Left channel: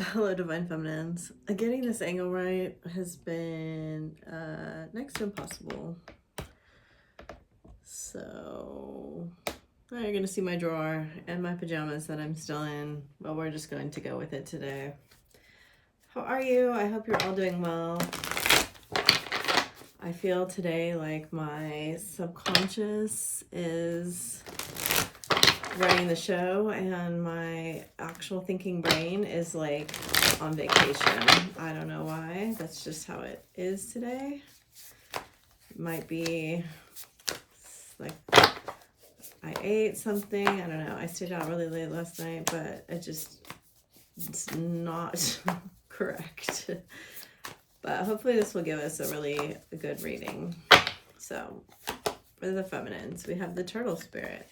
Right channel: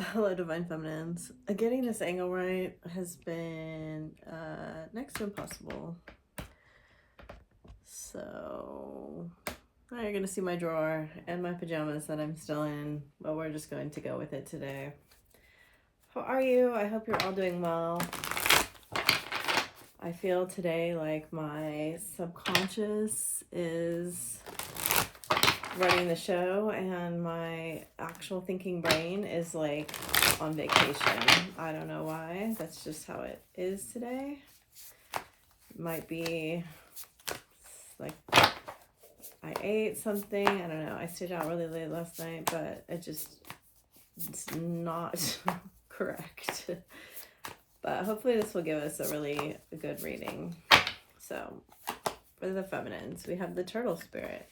Hello, Divine Feminines. Getting this angle right has been next to impossible. So now you're going to see my drawer and my pajamas that I'm still in, but we're just going to go with it today. How are you? I hope you're all doing well. I feel today like my subconscious is running the show and my actual thinking brain is like on vacation. I don't know why. That's just how it is today. It might be like I ate something. I don't know. I stayed out really late last night, but it's not correct. But hopefully this will give us a really good reading. So for the feminines, we have the turtle spirit.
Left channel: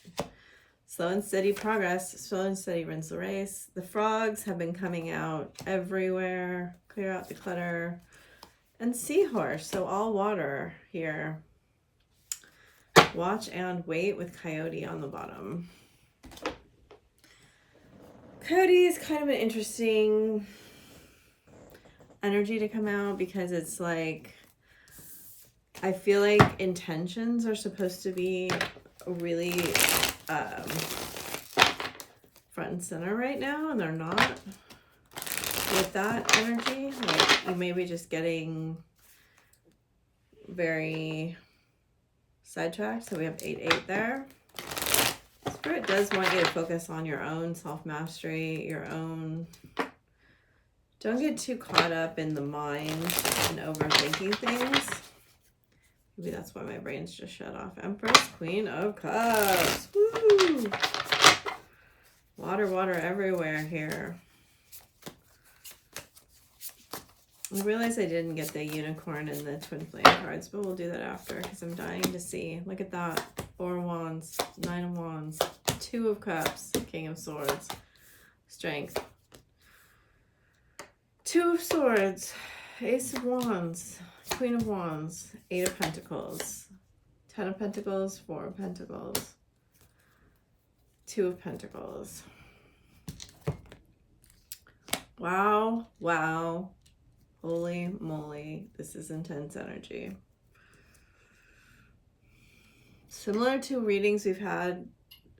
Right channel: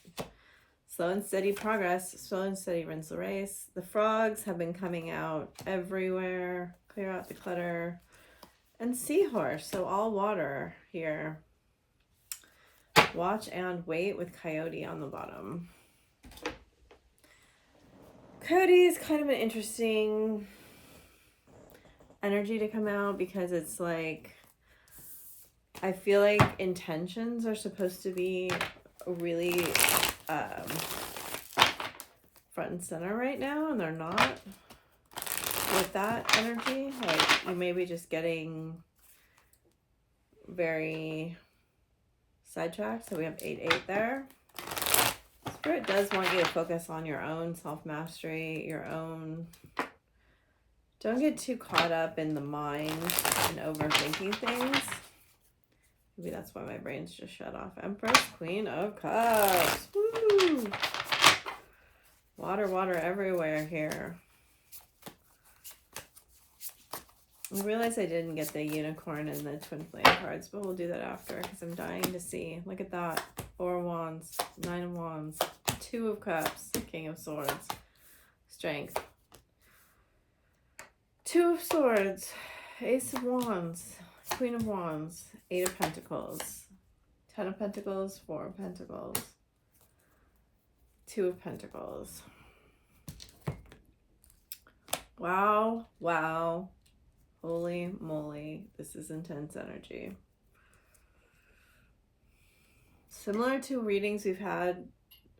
Slow and steady progress, slow and steady wins the race. The frogs have been coming out everywhere. Clear out the clutter. And seahorse, so all water here. Watch and wait with coyote on the bottom. Coyote is kind of an interesting energy to come out because it's like, I feel like intentions are supposed to be really front and center right now, and they're not with that energy. Like you may be just getting very sidetracked. So we have 8-8 there. Spirit does want you to focus on your own self-mastery, your own. Don't get too caught up in the mind and overthinking things. Maybe that's why my brain's just shut off. Empress, Queen of Cups. Woo! Water, water everywhere here. I realized I didn't get the unicorn and the twin flame cards, but we'll do that after because I'm dying to see. Look at that. 4 of Wands, 9 of Wands, 2 of Cups, King of Swords, Strength. 2 of Swords, Ace of Wands, Queen of Wands, 8 of Pentacles, 10 of Pentacles, 4 of Pentacles, 2 of Pentacles. Wow, wow. Holy moly, this is intense energy. Similar to readings we've had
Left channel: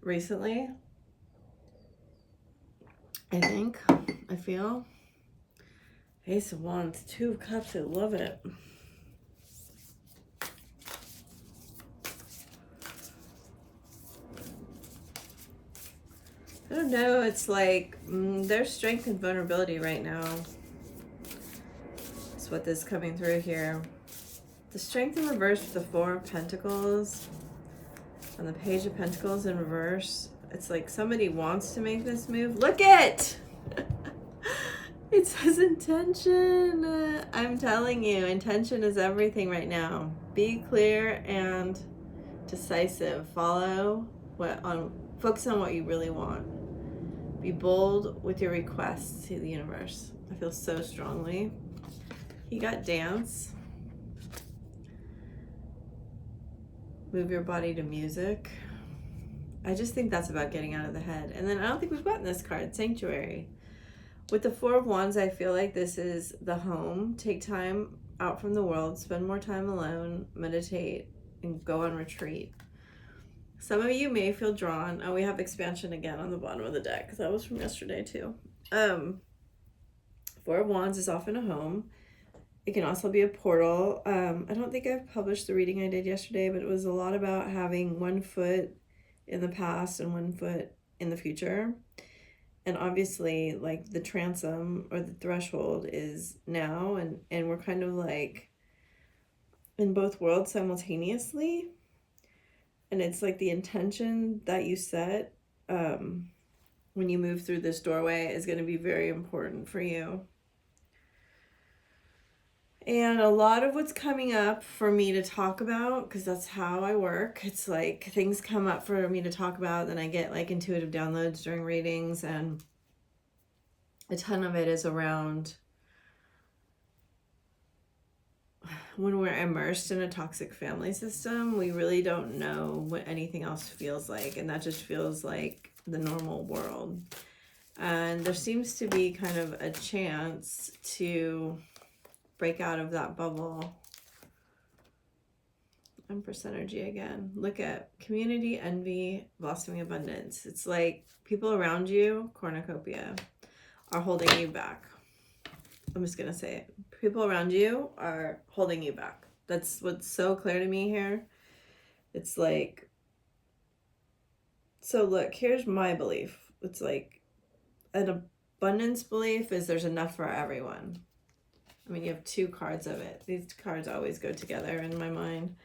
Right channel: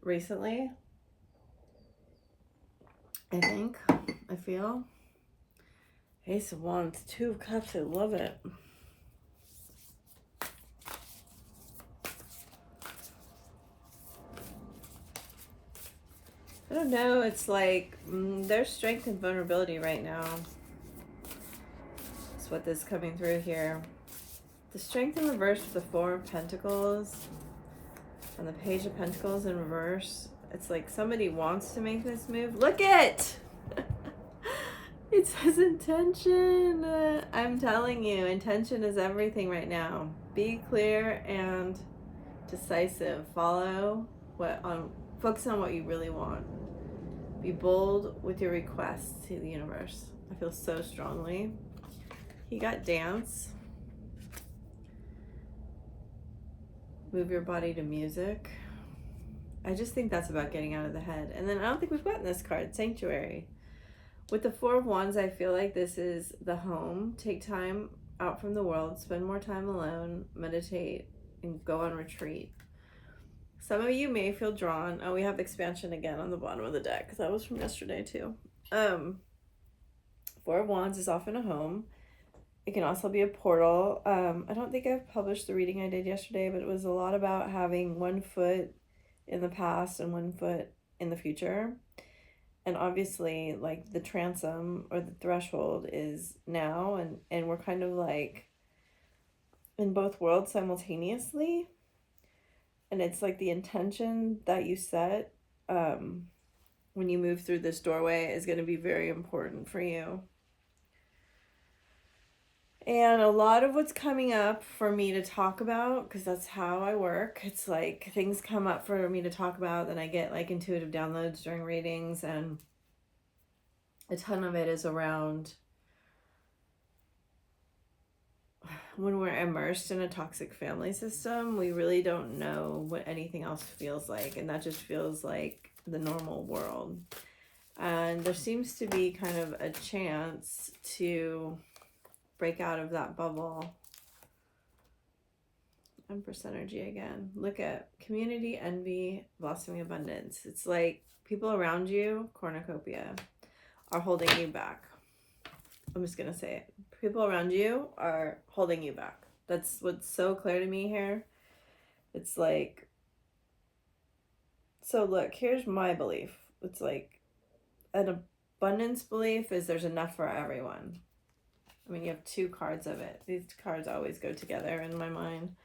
recently, I think, I feel. Ace of Wands, 2 of Cups, I love it. I don't know, it's like there's strength and vulnerability right now. That's what this is coming through here. The strength in reverse with the 4 of Pentacles and the Page of Pentacles in reverse. It's like somebody wants to make this move. Look it! It says intention. I'm telling you, intention is everything right now. Be clear and decisive. Follow focus on what you really want. Be bold with your requests to the universe. I feel so strongly. You got dance. Move your body to music. I just think that's about getting out of the head. And then I don't think we've gotten this card, Sanctuary. With the 4 of Wands, I feel like this is the home. Take time out from the world, spend more time alone, meditate, and go on retreat. Some of you may feel drawn. Oh, we have expansion again on the bottom of the deck. That was from yesterday too. 4 of Wands is often a home. It can also be a portal. I don't think I've published the reading I did yesterday, but it was a lot about having 1 foot in the past and 1 foot in the future. And obviously, like, the transom or the threshold is now, and we're kind of like in both worlds simultaneously. And it's like the intention that you set when you move through this doorway is going to be very important for you. And a lot of what's coming up for me to talk about, because that's how I work, it's like things come up for me to talk about, then I get like intuitive downloads during readings, and a ton of it is around when we're immersed in a toxic family system, we really don't know what anything else feels like, and that just feels like the normal world. And there seems to be kind of a chance to break out of that bubble. Empress energy again. Look at community, envy, blossoming abundance. It's like people around you, cornucopia, are holding you back. I'm just going to say it. People around you are holding you back. That's what's so clear to me here. It's like, so look, here's my belief. It's like an abundance belief is there's enough for everyone. I mean, you have two cards of it. These cards always go together in my mind.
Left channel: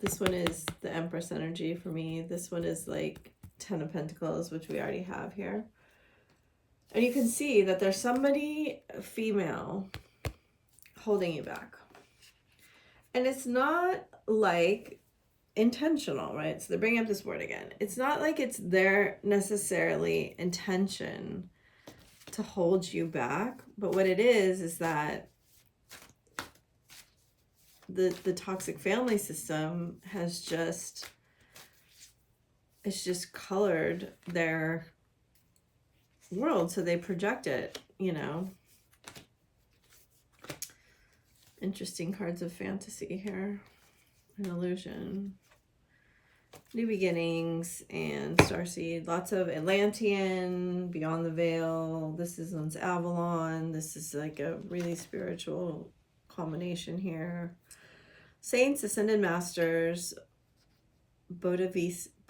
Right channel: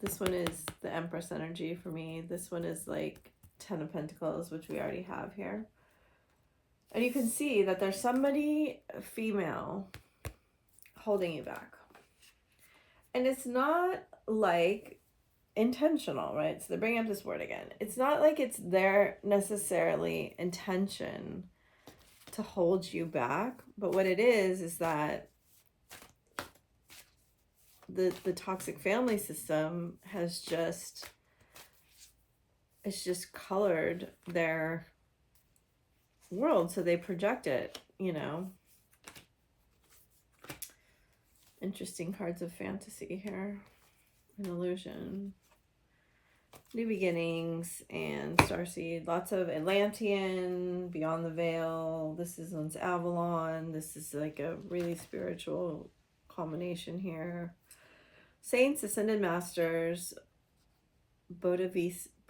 This one is the Empress energy for me. This one is like 10 of Pentacles, which we already have here. And you can see that there's somebody, female, holding you back. And it's not like intentional, right? So they bring up this word again. It's not like it's their necessarily intention to hold you back. But what it is that the toxic family system has just, it's just colored their world, so they project it, you know. Interesting cards of fantasy here. An illusion, new beginnings, and starseed. Lots of Atlantean, beyond the veil. This is one's Avalon. This is like a really spiritual combination here. Saints, ascended masters, Bodhisattva,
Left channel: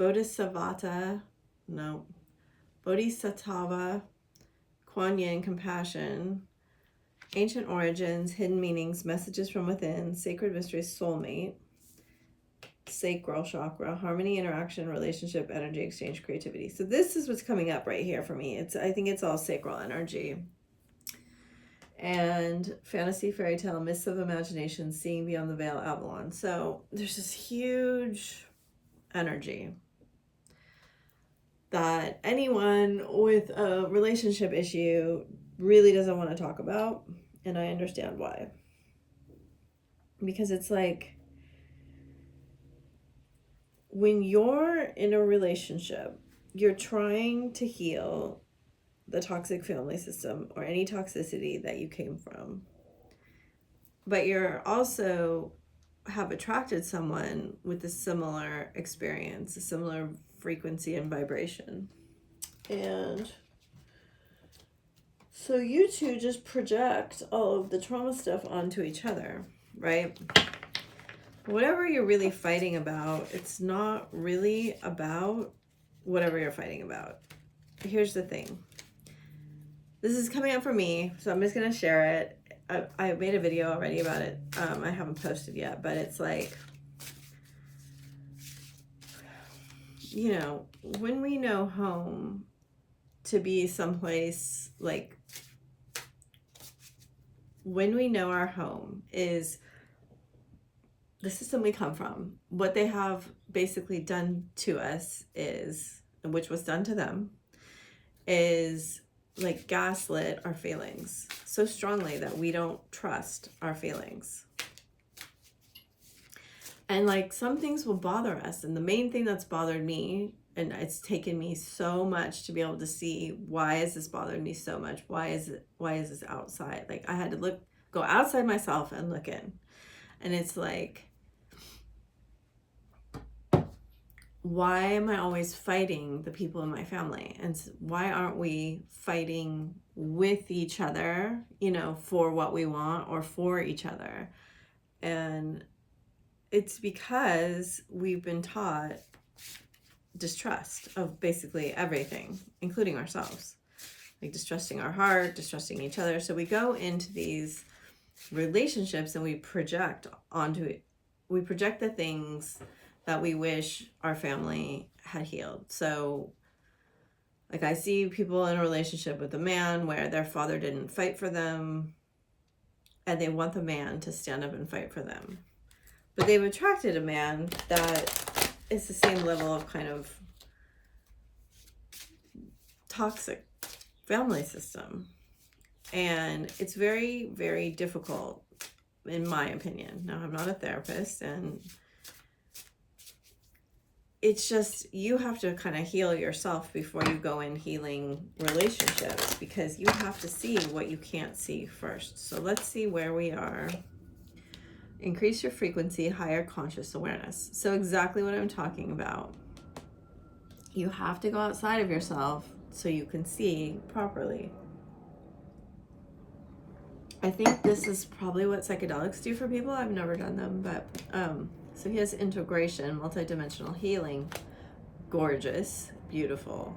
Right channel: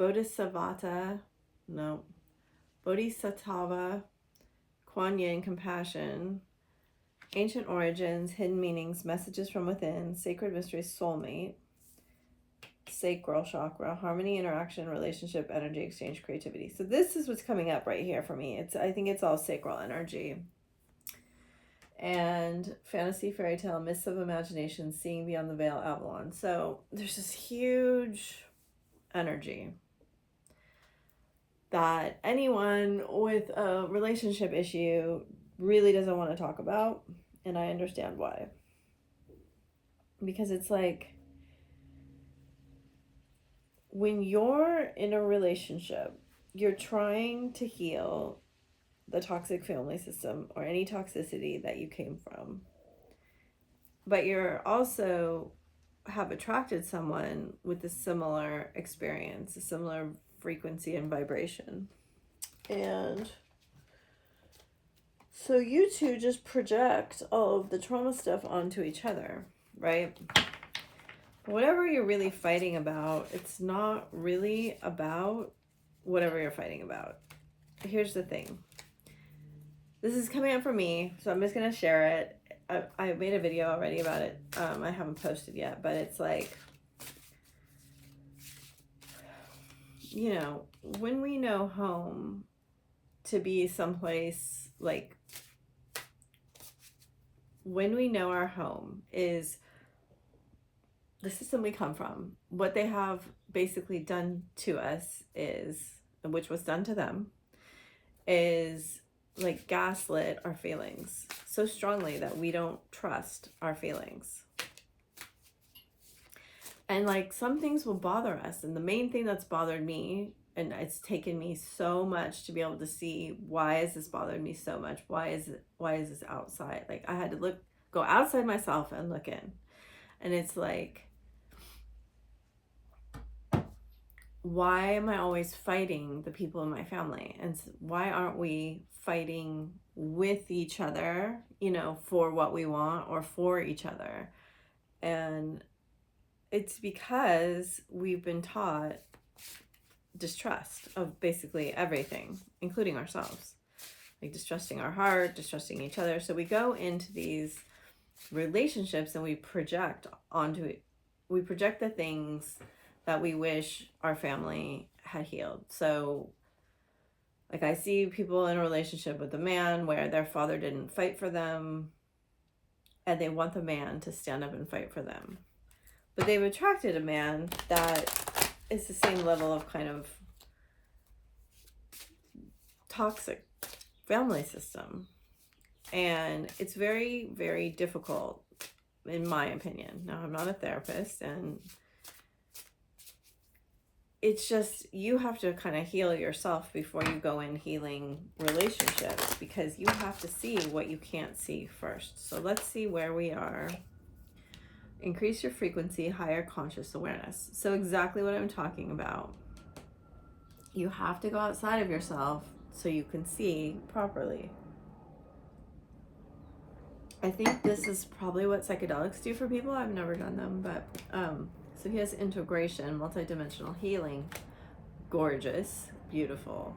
Kuan Yin, compassion, ancient origins, hidden meanings, messages from within, sacred mysteries, soulmate, sacral chakra, harmony, interaction, relationship, energy exchange, creativity. So this is what's coming up right here for me. I think it's all sacral energy. And fantasy, fairy tale, mists of imagination, seeing beyond the veil, Avalon. So there's this huge energy that anyone with a relationship issue really doesn't want to talk about. And I understand why. Because it's like, when you're in a relationship, you're trying to heal the toxic family system or any toxicity that you came from. But you're also have attracted someone with a similar experience, a similar frequency and vibration. And so you two just project all of the trauma stuff onto each other, right? Whatever you're really fighting about, it's not really about whatever you're fighting about. Here's the thing. This is coming up for me, so I'm just going to share it. I made a video already about it. I haven't posted yet, but it's like, you know, when we know home to be someplace, like, when we know our home is the system we come from, what they have basically done to us is, which was done to them, is like gaslit our feelings so strongly that we don't trust our feelings. And like some things will bother us. And the main thing that's bothered me, and it's taken me so much to be able to see, why is this bothering me so much? Why is this outside? Like I had to go outside myself and look in. And it's like, why am I always fighting the people in my family? And why aren't we fighting with each other, you know, for what we want or for each other? And it's because we've been taught distrust of basically everything, including ourselves. Like distrusting our heart, distrusting each other. So we go into these relationships and we project onto it. We project the things that we wish our family had healed. So like I see people in a relationship with a man where their father didn't fight for them and they want the man to stand up and fight for them. But they've attracted a man that is the same level of kind of toxic family system. And it's very, very difficult, in my opinion. Now, I'm not a therapist, and it's just, you have to kind of heal yourself before you go in healing relationships, because you have to see what you can't see first. So let's see where we are. Increase your frequency, higher conscious awareness. So exactly what I'm talking about. You have to go outside of yourself so you can see properly. I think this is probably what psychedelics do for people. I've never done them, but so he has integration, multidimensional healing, gorgeous, beautiful.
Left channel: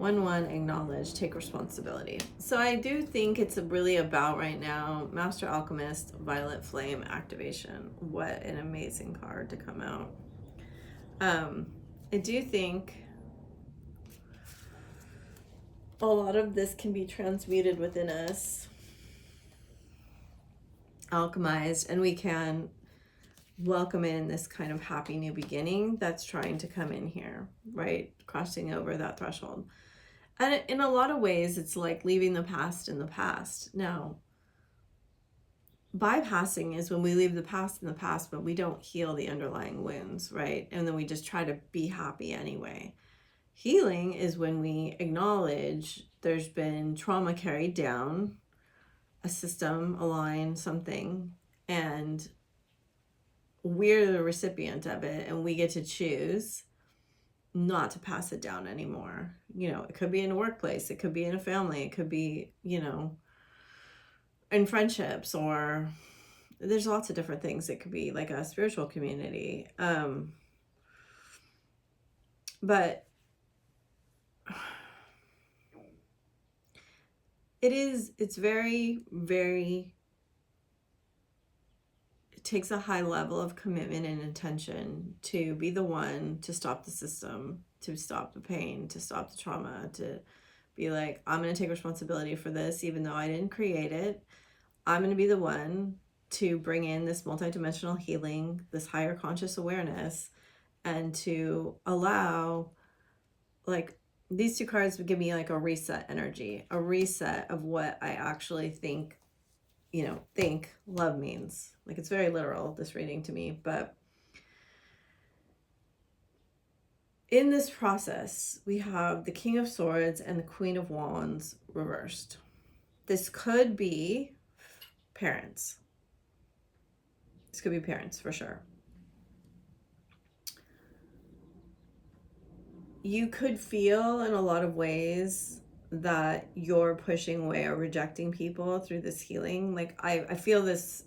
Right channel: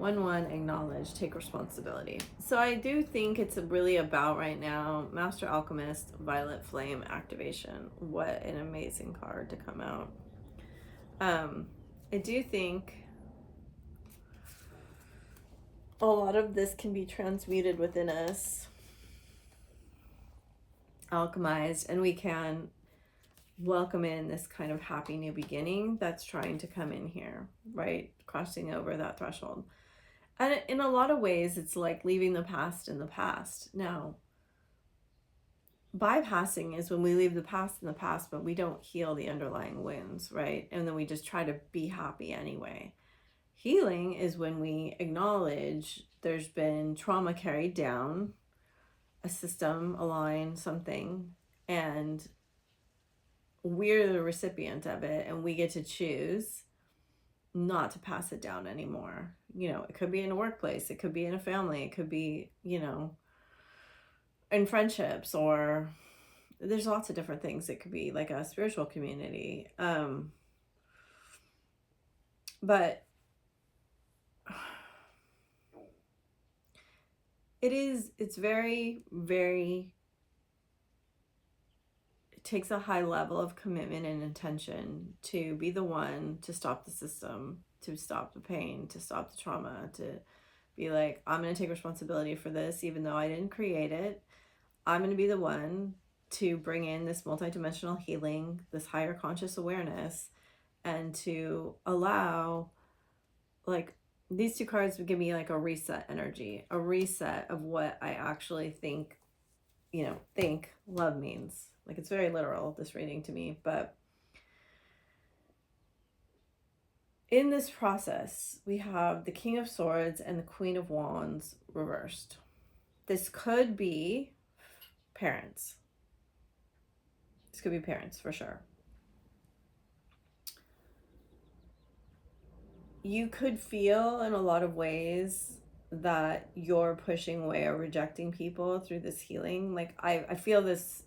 1-1, acknowledge, take responsibility. So I do think it's really about right now, Master Alchemist, Violet Flame activation. What an amazing card to come out. I do think a lot of this can be transmuted within us, alchemized, and we can welcome in this kind of happy new beginning that's trying to come in here, right? Crossing over that threshold. And in a lot of ways, it's like leaving the past in the past. Now, bypassing is when we leave the past in the past, but we don't heal the underlying wounds, right? And then we just try to be happy anyway. Healing is when we acknowledge there's been trauma carried down, a system, a line, something, and we're the recipient of it, and we get to choose not to pass it down anymore. You know, it could be in a workplace, it could be in a family, it could be, you know, in friendships, or there's lots of different things. It could be like a spiritual community. But it's very, very, it takes a high level of commitment and intention to be the one to stop the system, to stop the pain, to stop the trauma, to be like, I'm going to take responsibility for this, even though I didn't create it. I'm going to be the one to bring in this multidimensional healing, this higher conscious awareness, and to allow, like, these two cards would give me like a reset energy, a reset of what I actually think, you know, think love means. Like, it's very literal, this reading to me, but in this process, we have the King of Swords and the Queen of Wands reversed. This could be parents. This could be parents for sure. You could feel in a lot of ways that you're pushing away or rejecting people through this healing. Like, I feel this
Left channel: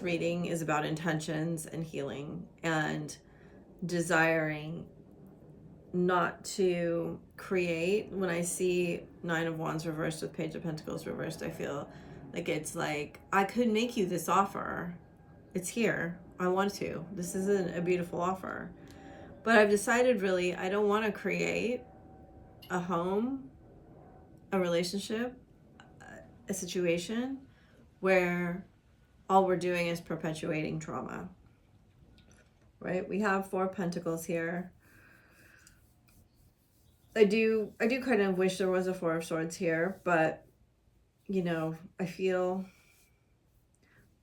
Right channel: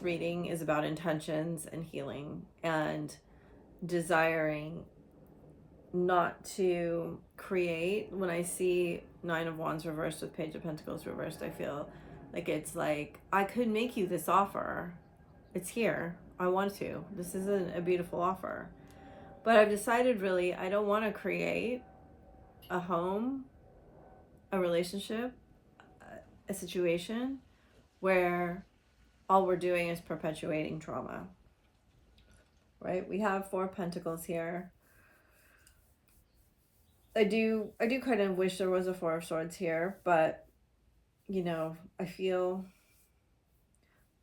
reading is about intentions and healing and desiring not to create. When I see Nine of Wands reversed with Page of Pentacles reversed, I feel like it's like, I could make you this offer. It's here. I want to. This is a beautiful offer. But I've decided, really, I don't want to create a home, a relationship, a situation where all we're doing is perpetuating trauma, right? We have 4 Pentacles here. I do kind of wish there was a 4 of Swords here, but, you know, I feel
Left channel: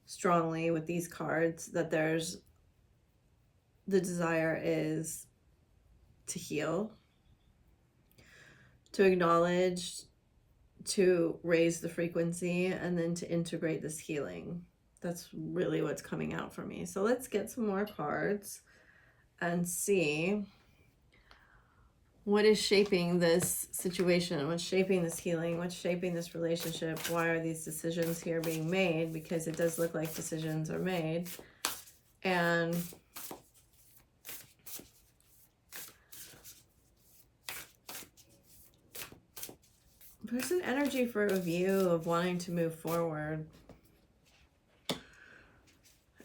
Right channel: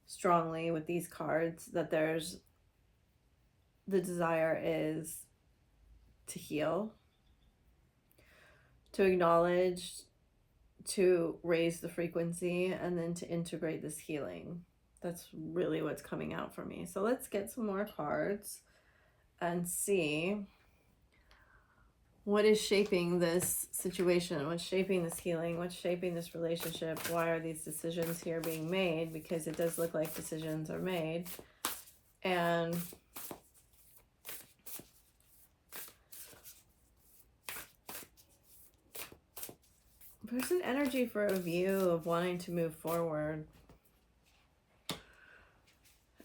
strongly with these cards that there's, the desire is to heal, to acknowledge, to raise the frequency, and then to integrate this healing. That's really what's coming out for me. So let's get some more cards and see what is shaping this situation, what's shaping this healing, what's shaping this relationship. Why are these decisions here being made? Because it does look like decisions are made. And there's an energy for a view of wanting to move forward.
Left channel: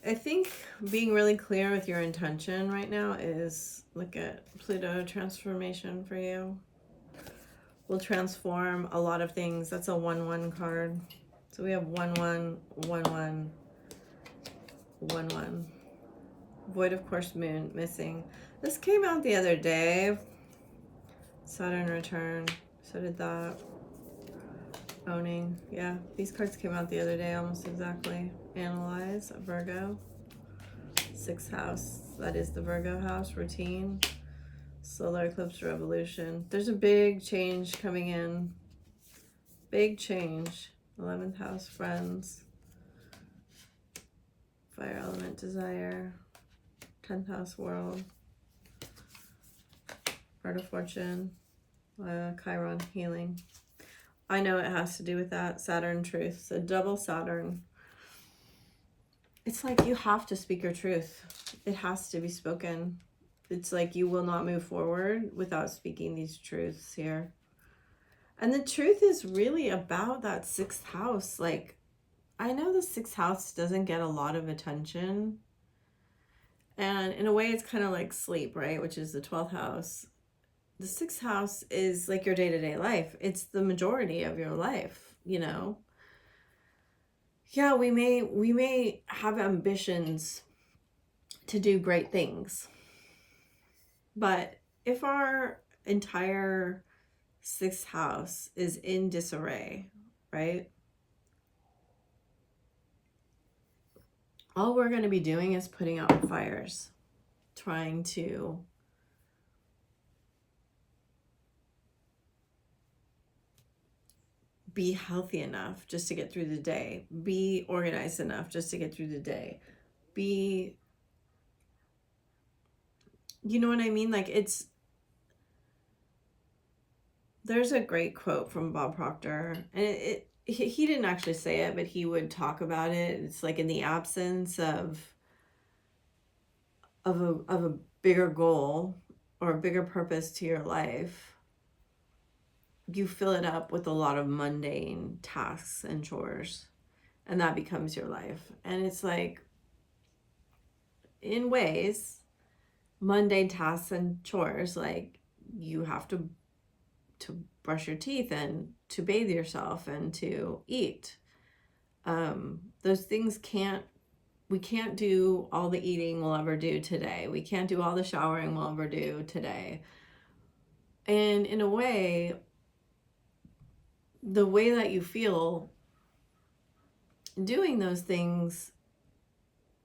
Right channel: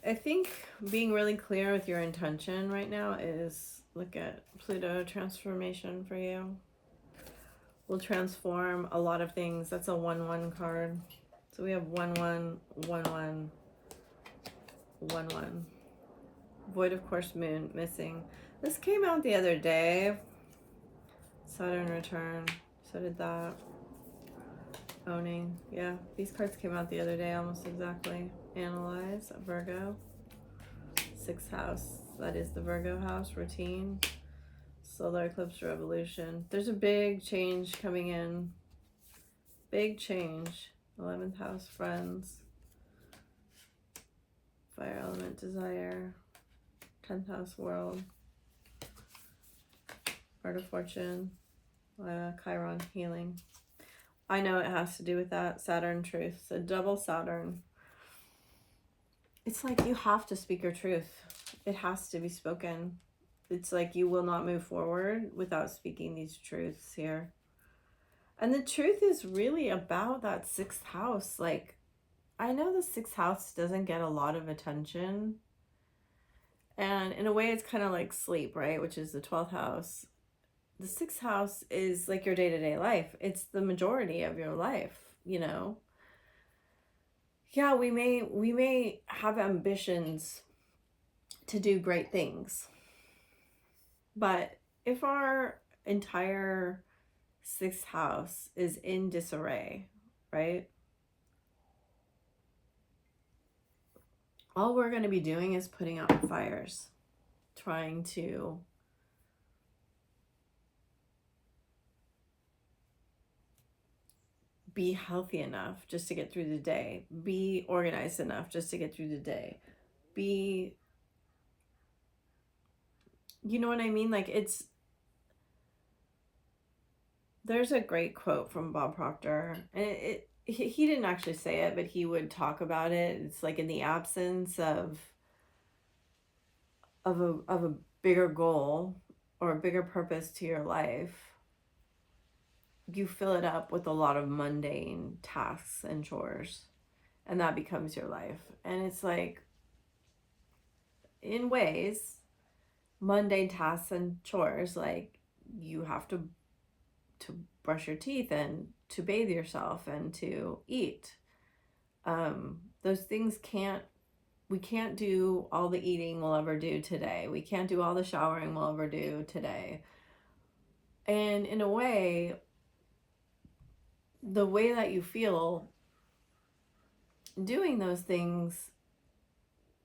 I think being really clear with your intention right now is, look at Pluto transformation for you. Will transform a lot of things. That's a 1-1 card. So we have 1-1, 1-1, 1-1. Void of Course Moon missing. This came out the other day. Saturn return. So did that. Owning. Yeah, these cards came out the other day almost exactly. Analyze. Virgo. 6th house. That is the Virgo house. Routine. Solar eclipse revolution. There's a big change coming in. Big change. 11th house, friends. Fire element, desire. 10th house, world. Art of fortune. Chiron, healing. I know it has to do with that. Saturn, truth. So double Saturn. It's like you have to speak your truth. It has to be spoken. It's like you will not move forward without speaking these truths here. And the truth is really about that 6th house. Like, I know the 6th house doesn't get a lot of attention. And in a way, it's kind of like sleep, right? Which is the 12th house. The 6th house is like your day-to-day life. It's the majority of your life, you know? Yeah, we may have ambitions to do great things. But if our entire 6th house is in disarray, right? All we're going to be doing is putting out fires, trying to be healthy enough just to get through the day, be organized enough just to get through the day, be, you know what I mean? Like there's a great quote from Bob Proctor, and he didn't actually say it, but he would talk about it. It's like, in the absence of a bigger goal or a bigger purpose to your life, you fill it up with a lot of mundane tasks and chores, and that becomes your life. And it's like, in ways, mundane tasks and chores, like you have to brush your teeth and to bathe yourself and to eat. Those things we can't do all the eating we'll ever do today. We can't do all the showering we'll ever do today. And in a way, the way that you feel doing those things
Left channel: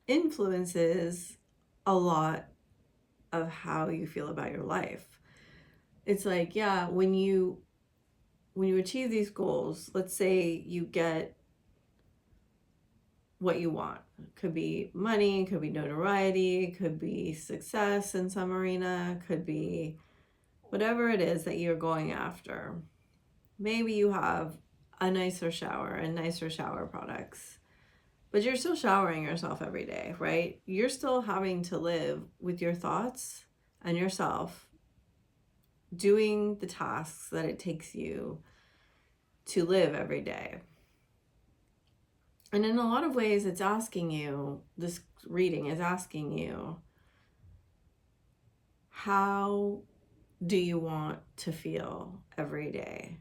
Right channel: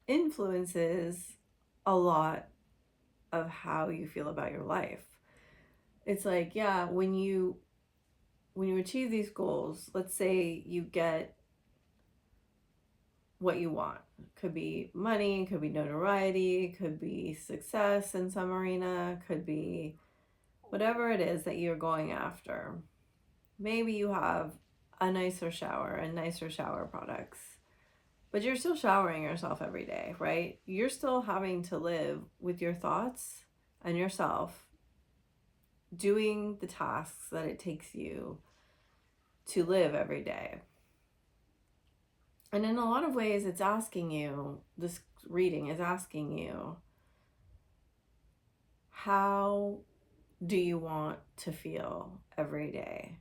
influences a lot of how you feel about your life. It's like, yeah, when you achieve these goals, let's say you get what you want. Could be money, could be notoriety, could be success in some arena, could be whatever it is that you're going after. Maybe you have a nicer shower and nicer shower products, but you're still showering yourself every day, right? You're still having to live with your thoughts and yourself, doing the tasks that it takes you to live every day. And in a lot of ways, it's asking you, this reading is asking you, how do you want to feel every day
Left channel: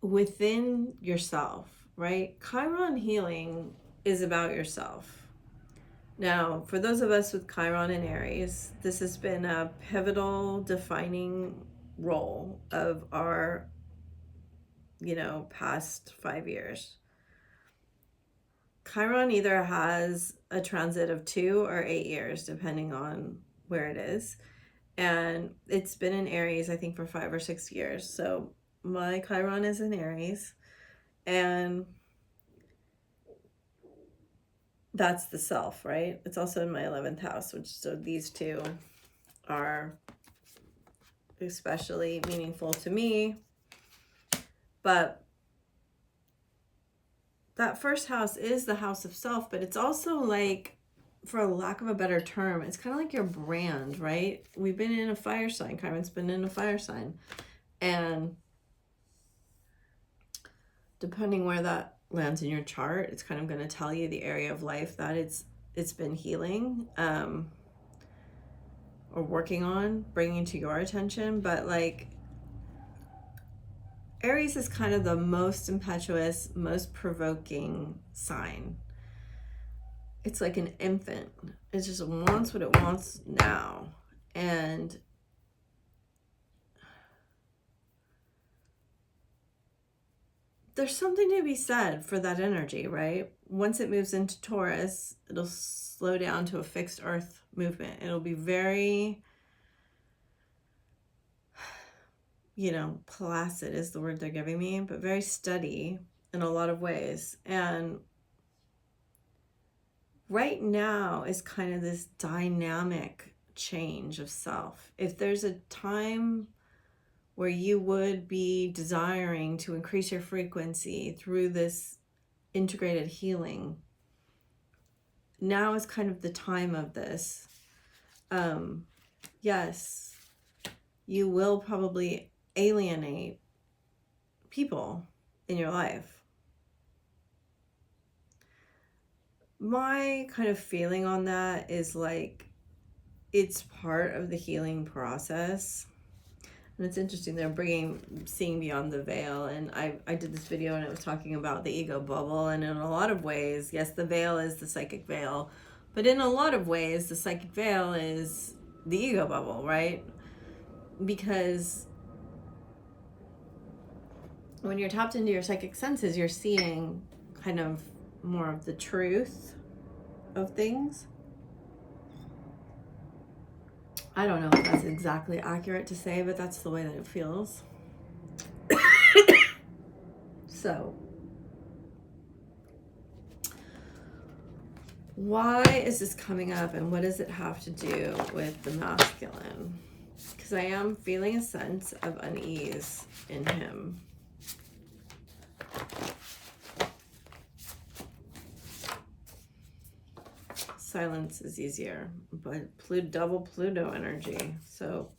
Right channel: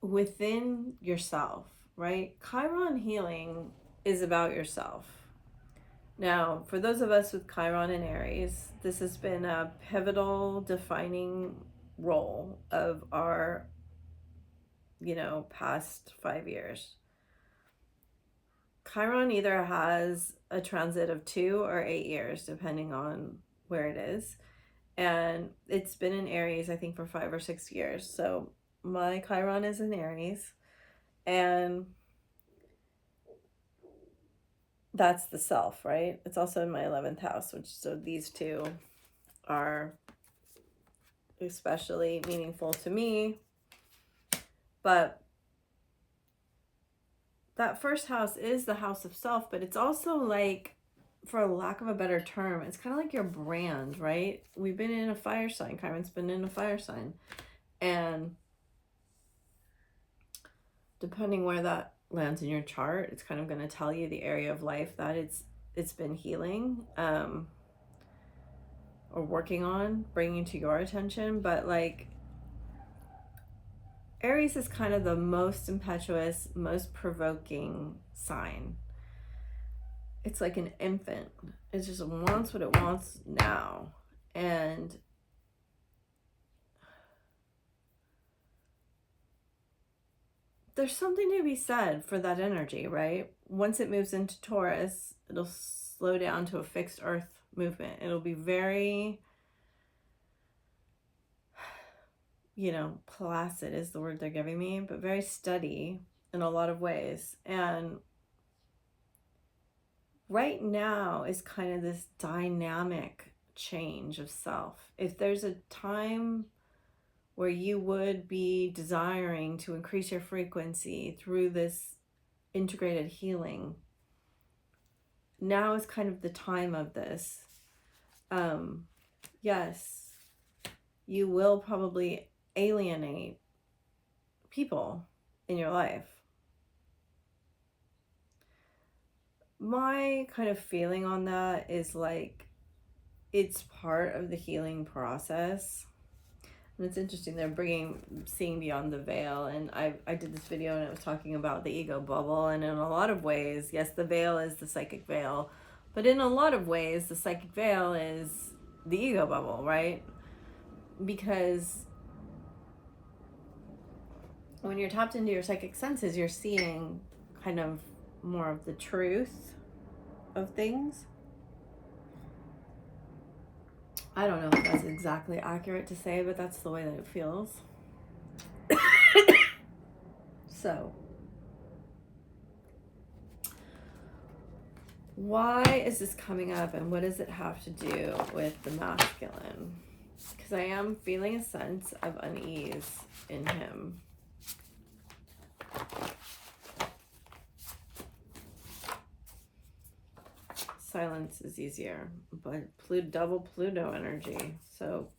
within yourself, right? Chiron healing is about yourself. Now, for those of us with Chiron and Aries, this has been a pivotal, defining role of our, past 5 years. Chiron either has a transit of 2 or 8 years, depending on where it is. And it's been in Aries, I think, for 5 or 6 years. So my Chiron is in Aries. And that's the self, right? It's also in my 11th house, so these two are especially meaningful to me. But that first house is the house of self, but it's also like, for a lack of a better term, it's kind of like your brand, right? We've been in a fire sign. Chiron's been in a fire sign. And depending where that lands in your chart, it's kind of going to tell you the area of life that it's been healing or working on, bringing to your attention. But like, Aries is kind of the most impetuous, most provoking sign. It's like an infant. It just wants what it wants now. And there's something to be said for that energy, right? Once it moves into Taurus, it'll slow down to a fixed earth movement. It'll be very you know, placid is the word they're giving me, but very steady in a lot of ways. And right now is kind of this dynamic change of self. If there's a time where you would be desiring to increase your frequency through this integrated healing, now is kind of the time of this. Yes, you will probably alienate people in your life. My kind of feeling on that is like, it's part of the healing process. And it's interesting, they're seeing beyond the veil. And I did this video and I was talking about the ego bubble. And in a lot of ways, yes, the veil is the psychic veil. But in a lot of ways, the psychic veil is the ego bubble, right? Because when you're tapped into your psychic senses, you're seeing kind of more of the truth of things. I don't know if that's exactly accurate to say, but that's the way that it feels. So, why is this coming up, and what does it have to do with the masculine? Because I am feeling a sense of unease in him. Silence is easier, but double Pluto energy. So,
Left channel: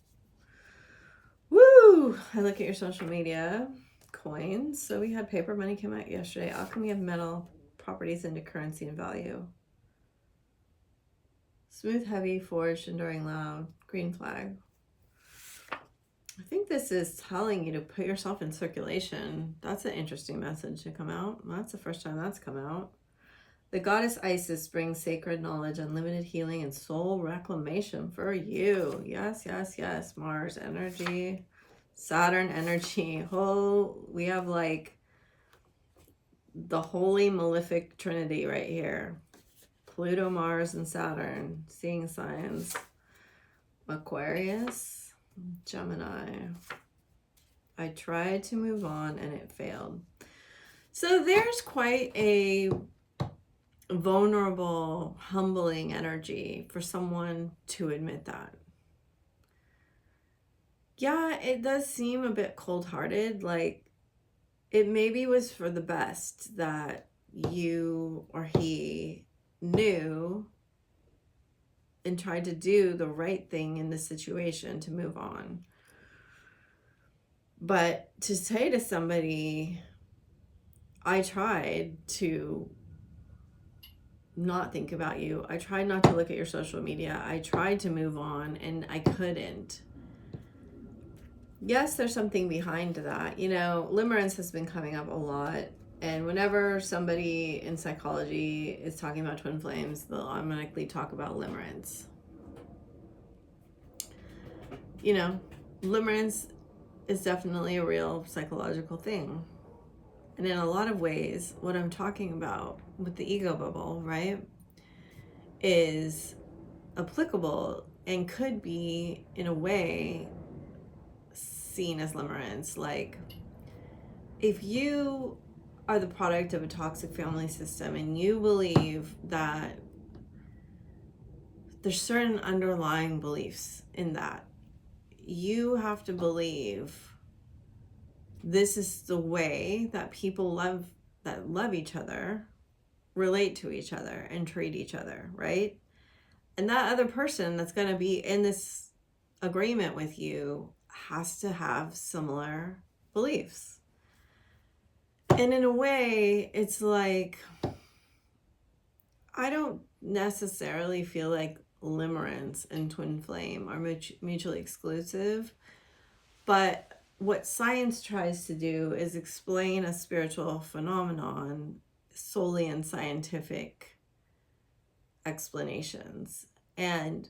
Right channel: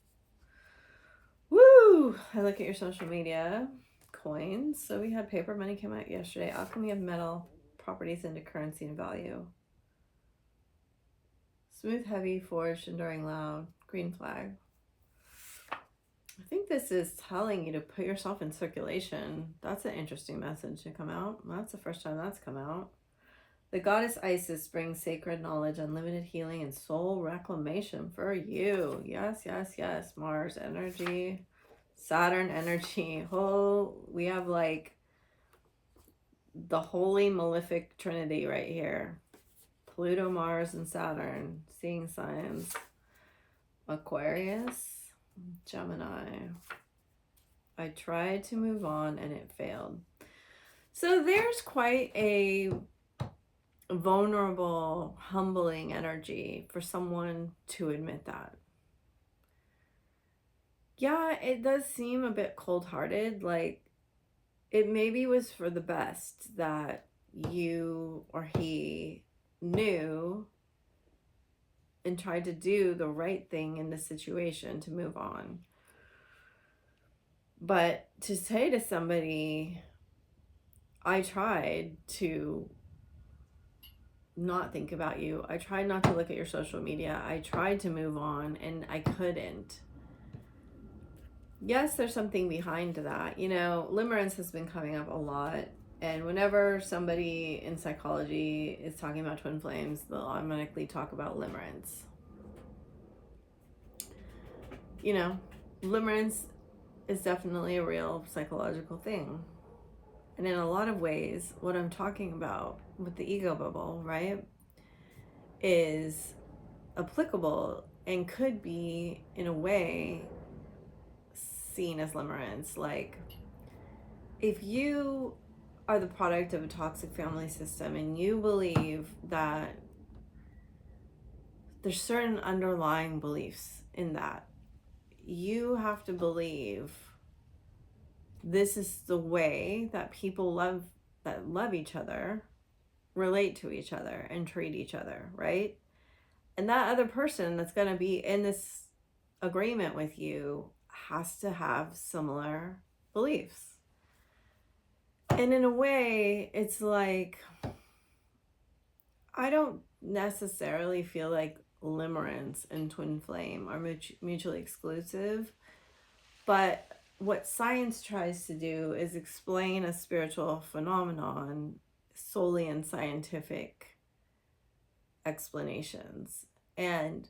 woo! I look at your social media, coins. So we had paper money come out yesterday. Alchemy of metal, properties into currency and value. Smooth, heavy, forged, enduring, loud, green flag. I think this is telling you to put yourself in circulation. That's an interesting message to come out. That's the first time that's come out. The goddess Isis brings sacred knowledge, unlimited healing, and soul reclamation for you. Yes, yes, yes. Mars energy, Saturn energy. We have like the holy malefic trinity right here. Pluto, Mars, and Saturn. Seeing signs. Aquarius, Gemini. I tried to move on and it failed. So there's quite a vulnerable, humbling energy for someone to admit that. Yeah, it does seem a bit cold-hearted. Like, it maybe was for the best that you or he knew and tried to do the right thing in the situation to move on. But to say to somebody, I tried to not think about you. I tried not to look at your social media. I tried to move on and I couldn't. Yes, there's something behind that. You know, limerence has been coming up a lot. And whenever somebody in psychology is talking about twin flames, they'll automatically talk about limerence. You know, limerence is definitely a real psychological thing. And in a lot of ways, what I'm talking about with the ego bubble, right, is applicable and could be, in a way, seen as limerence. Like, if you are the product of a toxic family system and you believe that there's certain underlying beliefs in that, you have to believe this is the way that people love each other, relate to each other, and treat each other, right? And that other person that's going to be in this agreement with you has to have similar beliefs. And in a way, it's like, I don't necessarily feel like limerence and twin flame are mutually exclusive, but what science tries to do is explain a spiritual phenomenon solely in scientific explanations. And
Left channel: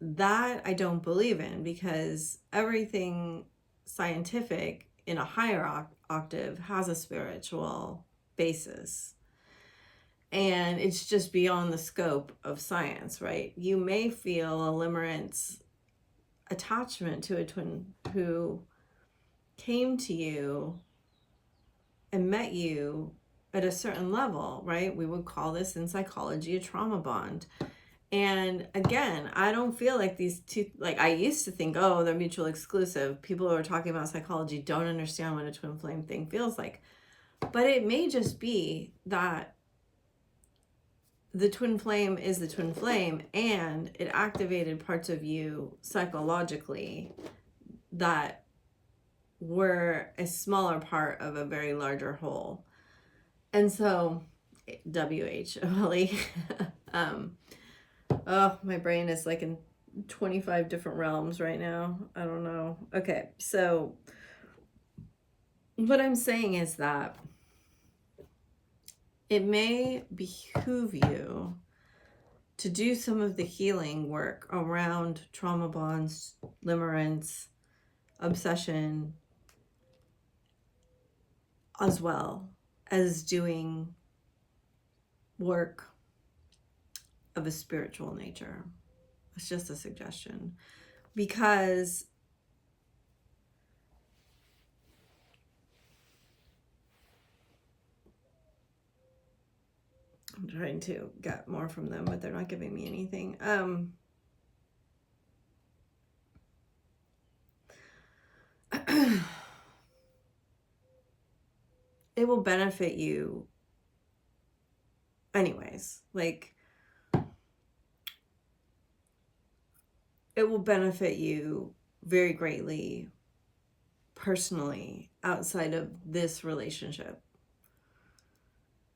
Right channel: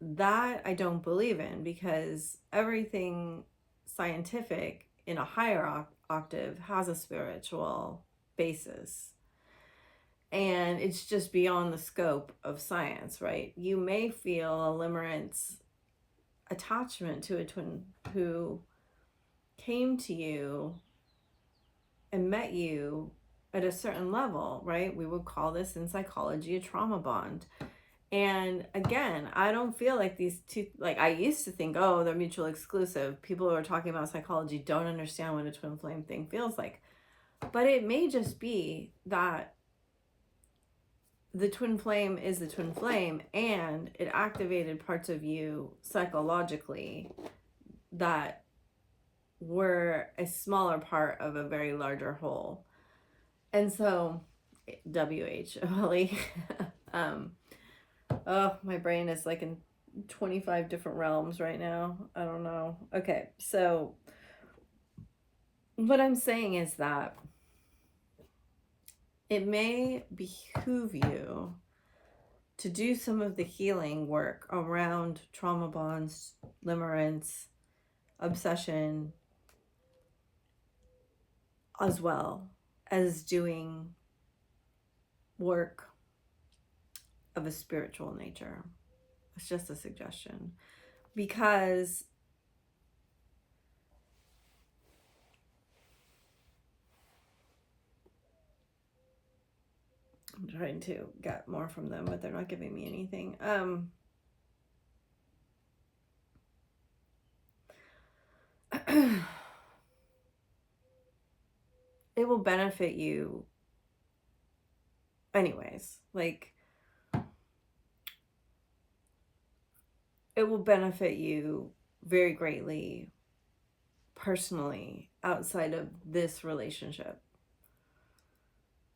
that I don't believe in, because everything scientific in a higher octave has a spiritual basis. And it's just beyond the scope of science, right? You may feel a limerence attachment to a twin who came to you and met you at a certain level, right? We would call this in psychology a trauma bond. And again, I don't feel like these two, like I used to think, oh, they're mutually exclusive. People who are talking about psychology don't understand what a twin flame thing feels like. But it may just be that the twin flame is the twin flame and it activated parts of you psychologically that were a smaller part of a very larger whole. And so, WHOLE, oh, my brain is like in 25 different realms right now. I don't know. Okay, so what I'm saying is that it may behoove you to do some of the healing work around trauma bonds, limerence, obsession, as well as doing work of a spiritual nature. It's just a suggestion, because I'm trying to get more from them, but they're not giving me anything. It will benefit you anyways. Like, it will benefit you very greatly personally outside of this relationship.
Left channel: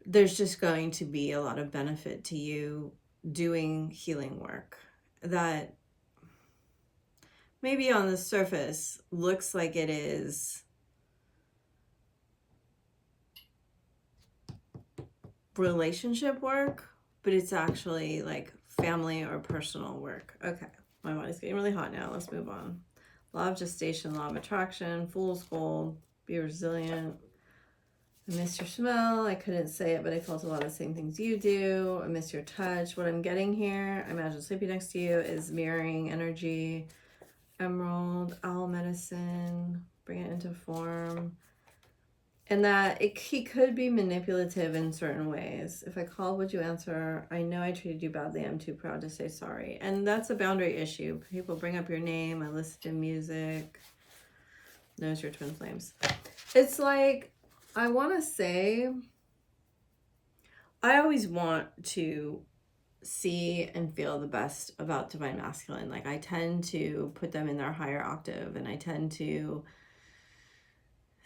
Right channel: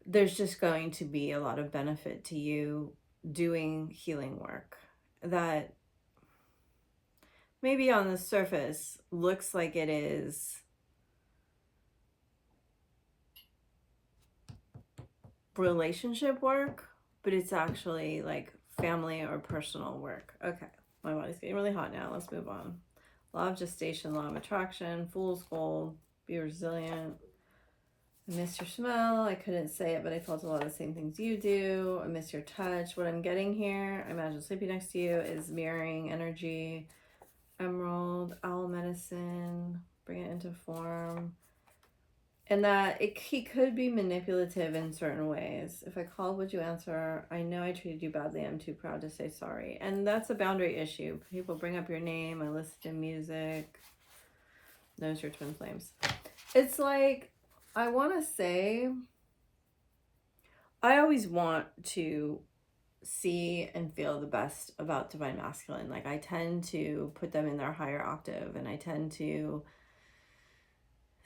There's just going to be a lot of benefit to you doing healing work that maybe on the surface looks like it is relationship work, but it's actually like family or personal work. Okay, my body's getting really hot now. Let's move on. Law of gestation, law of attraction, fool's gold, be resilient. I miss your smell. I couldn't say it, but I felt a lot of the same things you do. I miss your touch. What I'm getting here, I imagine sleeping next to you, is mirroring energy. Emerald, owl medicine, bring it into form. And that he could be manipulative in certain ways. If I called, would you answer? I know I treated you badly. I'm too proud to say sorry. And that's a boundary issue. People bring up your name. I listen to music. Knows your twin flames. It's like, I want to say, I always want to see and feel the best about divine masculine. Like, I tend to put them in their higher octave, and I tend to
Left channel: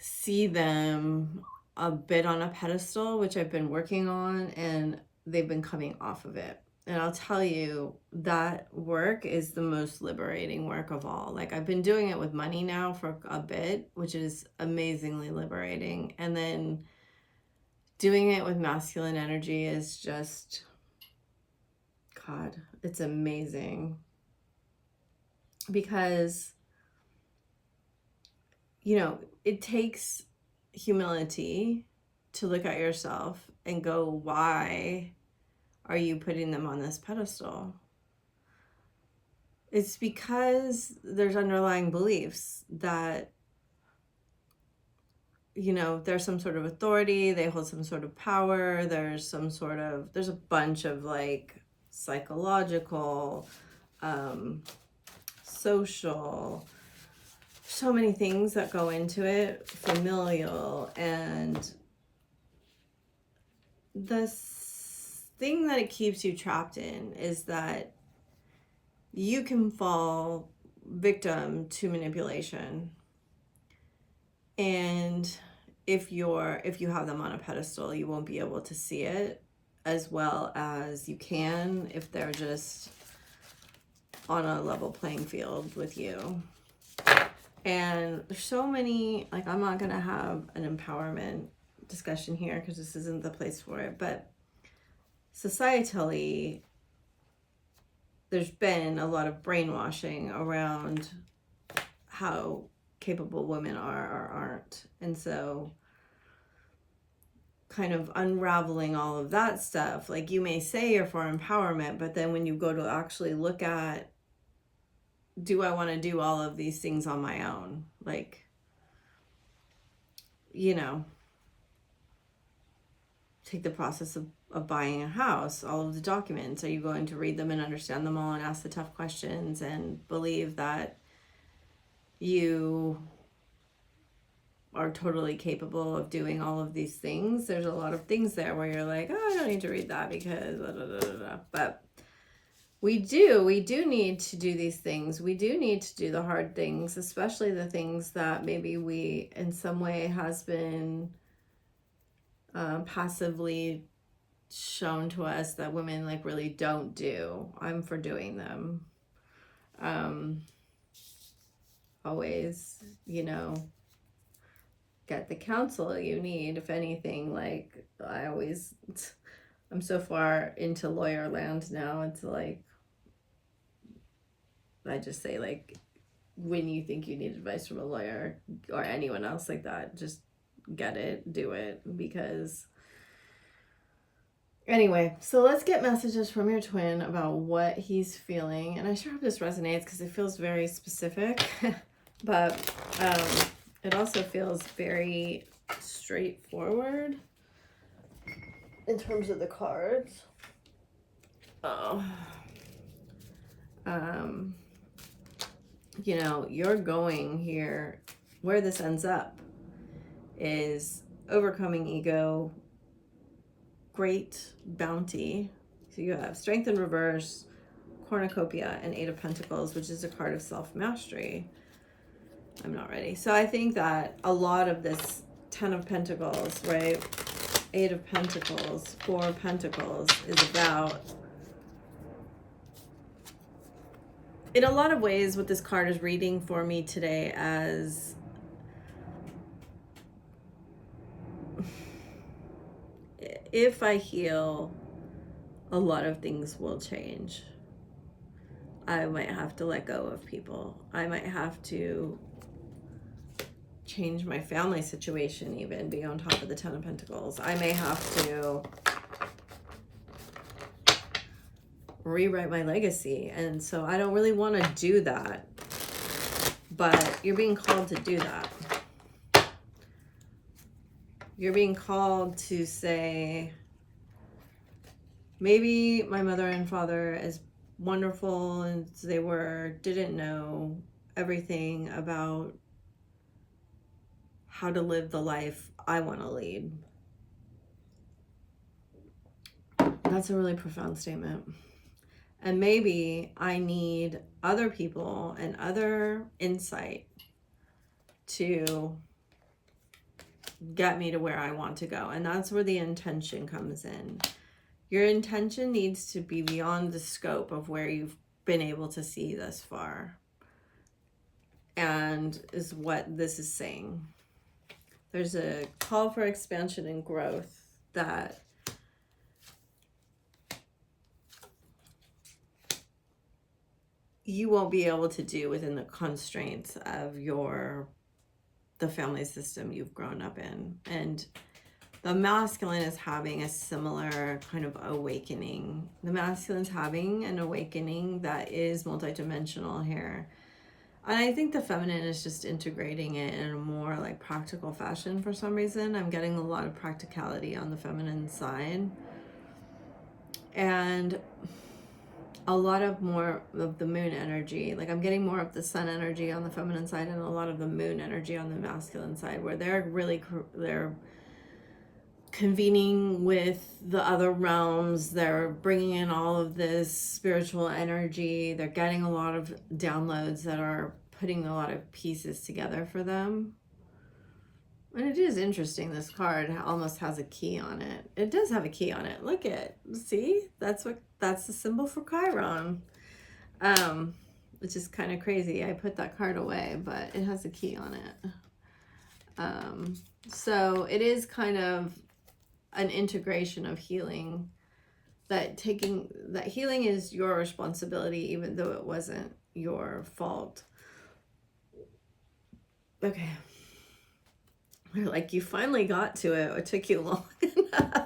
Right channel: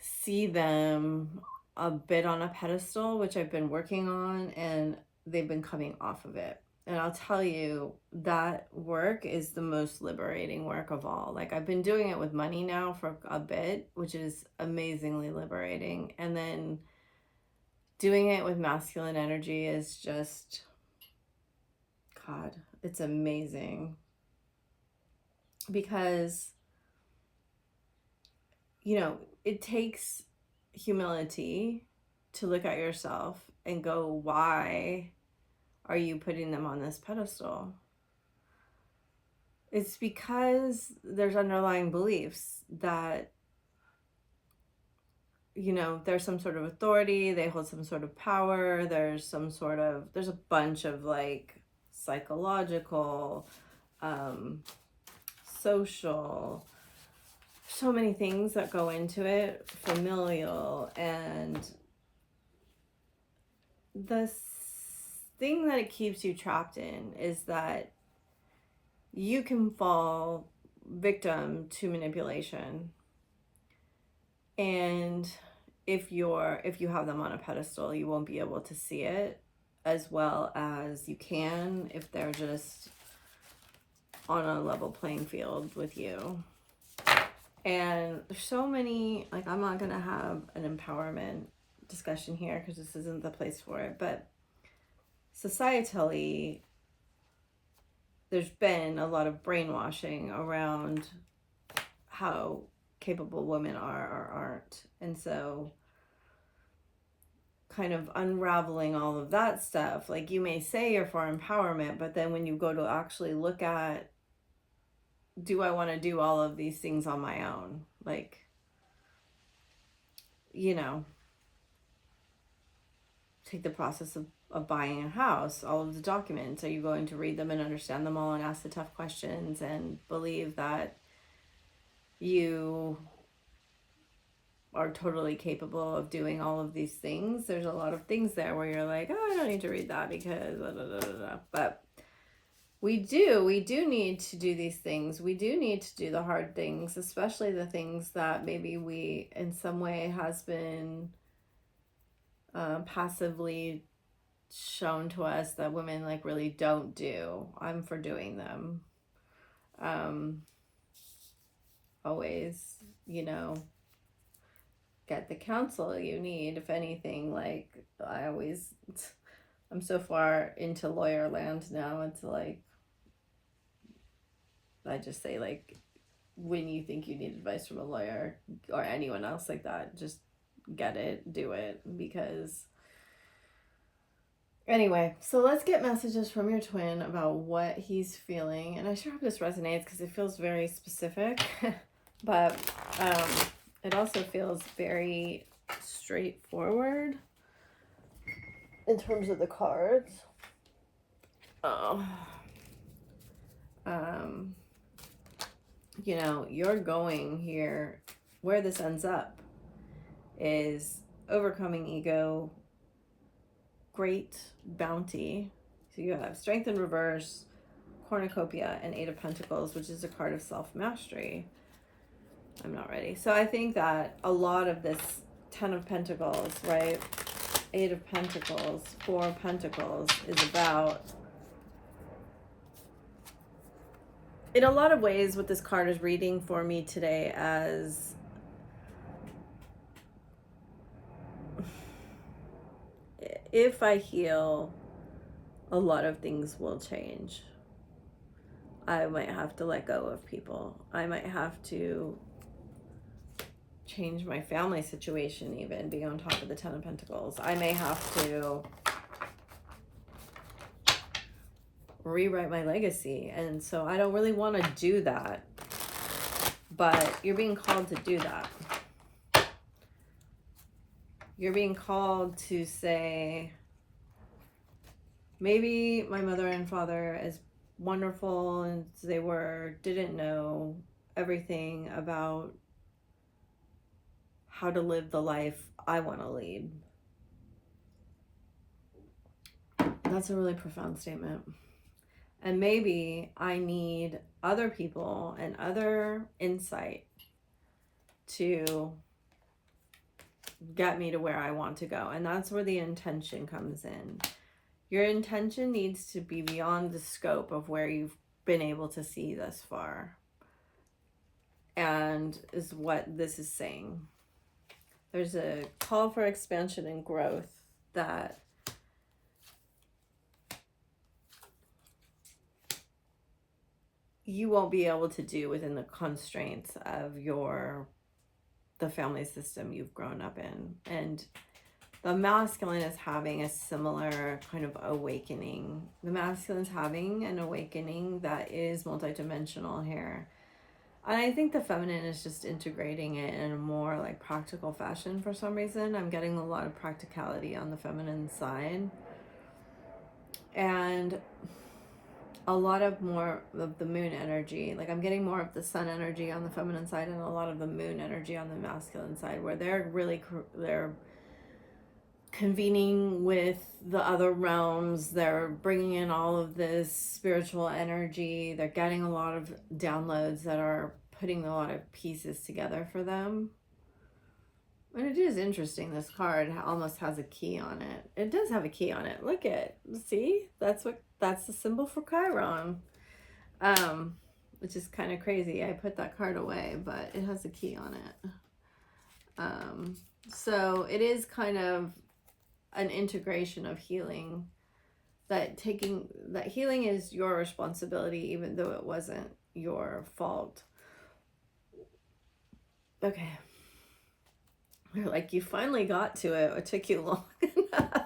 see them a bit on a pedestal, which I've been working on, and they've been coming off of it. And I'll tell you, that work is the most liberating work of all. Like, I've been doing it with money now for a bit, which is amazingly liberating. And then doing it with masculine energy is just, God, it's amazing. Because, you know, it takes humility to look at yourself and go, why are you putting them on this pedestal? It's because there's underlying beliefs that, you know, there's some sort of authority, they hold some sort of power, there's a bunch of like psychological, social, so many things that go into it, familial, and the thing that it keeps you trapped in is that you can fall victim to manipulation. And if you have them on a pedestal, you won't be able to see it as well as you can if they're just on a level playing field with you. And there's so many, like, I'm not going to have an empowerment discussion here because this isn't the place for it, but societally, there's been a lot of brainwashing around how capable women are or aren't. And so kind of unraveling all of that stuff, like, you may say you're for empowerment, but then when you go to actually look at, do I want to do all of these things on my own? Like, you know, take the process of buying a house, all of the documents. Are you going to read them and understand them all and ask the tough questions and believe that you are totally capable of doing all of these things? There's a lot of things there where you're like, oh, I don't need to read that because blah, blah, blah, blah, blah. But we do need to do these things. We do need to do the hard things, especially the things that maybe we in some way has been passively shown to us that women like really don't do. I'm for doing them. Always, you know, get the counsel you need. If anything, like I'm so far into lawyer land now. It's like, I just say, like, when you think you need advice from a lawyer or anyone else like that, just get it, do it. Because anyway, so let's get messages from your twin about what he's feeling. And I sure hope this resonates because it feels very specific, but it also feels very straightforward in terms of the cards. You know, you're going here, where this ends up is overcoming ego, great bounty. So you have Strength in Reverse, Cornucopia, and Eight of Pentacles, which is a card of self-mastery. I'm not ready. So I think that a lot of this Ten of Pentacles, right? Eight of Pentacles, Four of Pentacles is about, in a lot of ways, what this card is reading for me today as if I heal, a lot of things will change. I might have to let go of people. I might have to change my family situation, even be on top of the Ten of Pentacles. I may have to rewrite my legacy. And so I don't really want to do that. But you're being called to do that. You're being called to say, maybe my mother and father, as wonderful as they were, didn't know everything about how to live the life I want to lead. That's a really profound statement. And maybe I need other people and other insight to get me to where I want to go. And that's where the intention comes in. Your intention needs to be beyond the scope of where you've been able to see thus far. And is what this is saying. There's a call for expansion and growth that you won't be able to do within the constraints of the family system you've grown up in. And the masculine is having a similar kind of awakening. The masculine's having an awakening that is multidimensional here. And I think the feminine is just integrating it in a more like practical fashion for some reason. I'm getting a lot of practicality on the feminine side. And a lot of more of the moon energy. Like I'm getting more of the sun energy on the feminine side and a lot of the moon energy on the masculine side, where they're convening with the other realms. They're bringing in all of this spiritual energy. They're getting a lot of downloads that are putting a lot of pieces together for them. And it is interesting, this card almost has a key on it. It does have a key on it. Look at, see? That's the symbol for Chiron. Which is kind of crazy. I put that card away, but it has a key on it. So it is kind of an integration of healing, that healing is your responsibility, even though it wasn't your fault. Okay. They're like, you finally got to it. It took you long enough.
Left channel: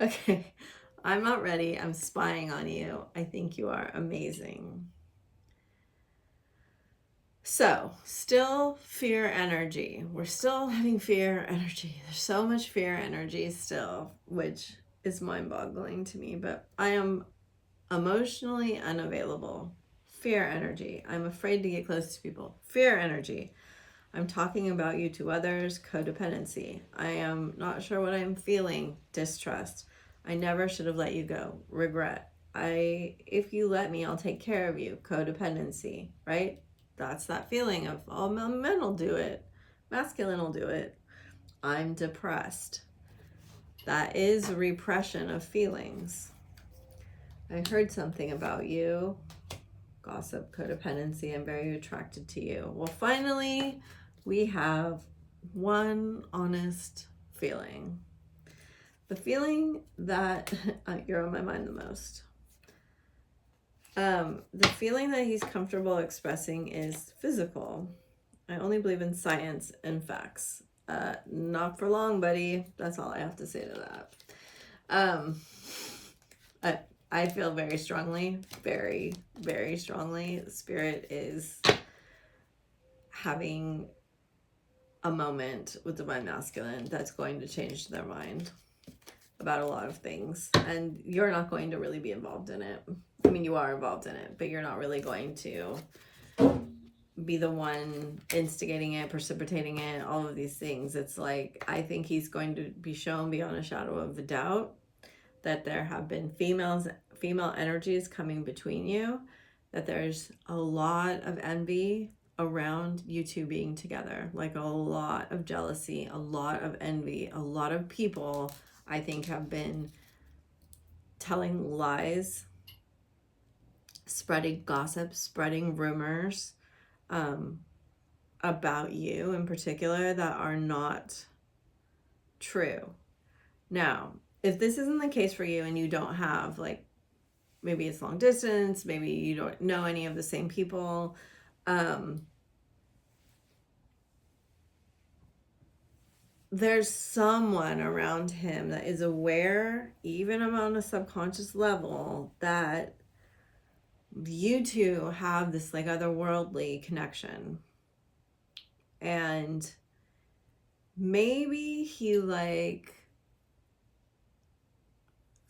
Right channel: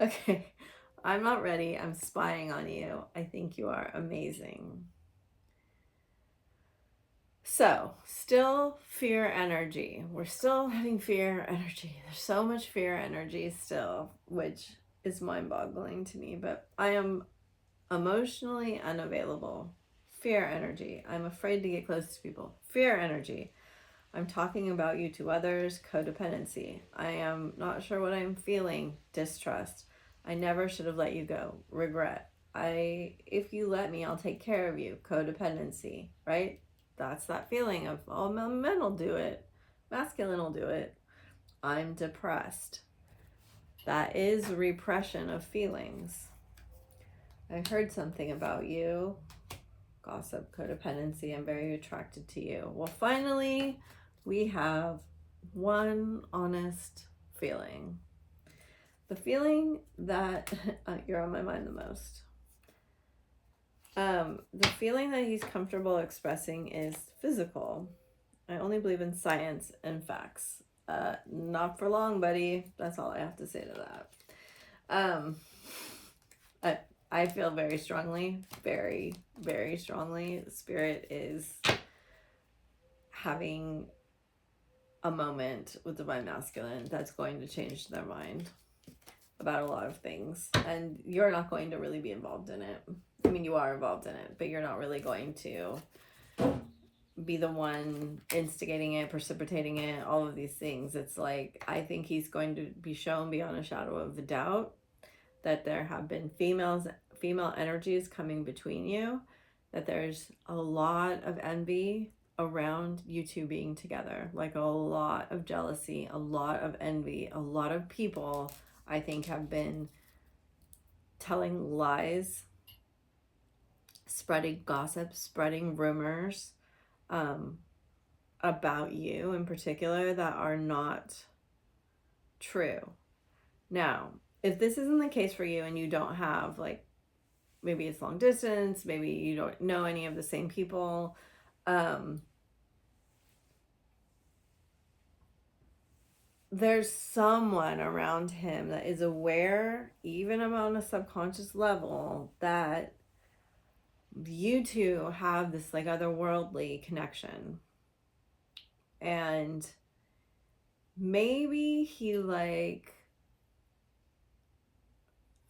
Okay. I'm not ready. I'm spying on you. I think you are amazing. So, still fear energy. We're still having fear energy. There's so much fear energy still, which is mind-boggling to me, but I am emotionally unavailable. Fear energy. I'm afraid to get close to people. Fear energy. I'm talking about you to others. Codependency. I am not sure what I'm feeling. Distrust. I never should have let you go. Regret. If you let me, I'll take care of you. Codependency, right? That's that feeling of, oh, men will do it. Masculine will do it. I'm depressed. That is repression of feelings. I heard something about you. Gossip, codependency, I'm very attracted to you. Well, finally, we have one honest feeling. The feeling that you're on my mind the most. The feeling that he's comfortable expressing is physical. I only believe in science and facts. Not for long, buddy. That's all I have to say to that. I feel very strongly, very, very strongly. Spirit is having a moment with Divine Masculine that's going to change their mind about a lot of things. And you're not going to really be involved in it. I mean, you are involved in it, but you're not really going to be the one instigating it, precipitating it, all of these things. It's like, I think he's going to be shown beyond a shadow of a doubt that there have been female energies coming between you, that there's a lot of envy around you two being together, like a lot of jealousy, a lot of envy. A lot of people, I think, have been telling lies, spreading gossip, spreading rumors about you in particular that are not true. Now, if this isn't the case for you and you don't have, like, maybe it's long distance, maybe you don't know any of the same people, there's someone around him that is aware, even on a subconscious level, that you two have this like otherworldly connection. And maybe he like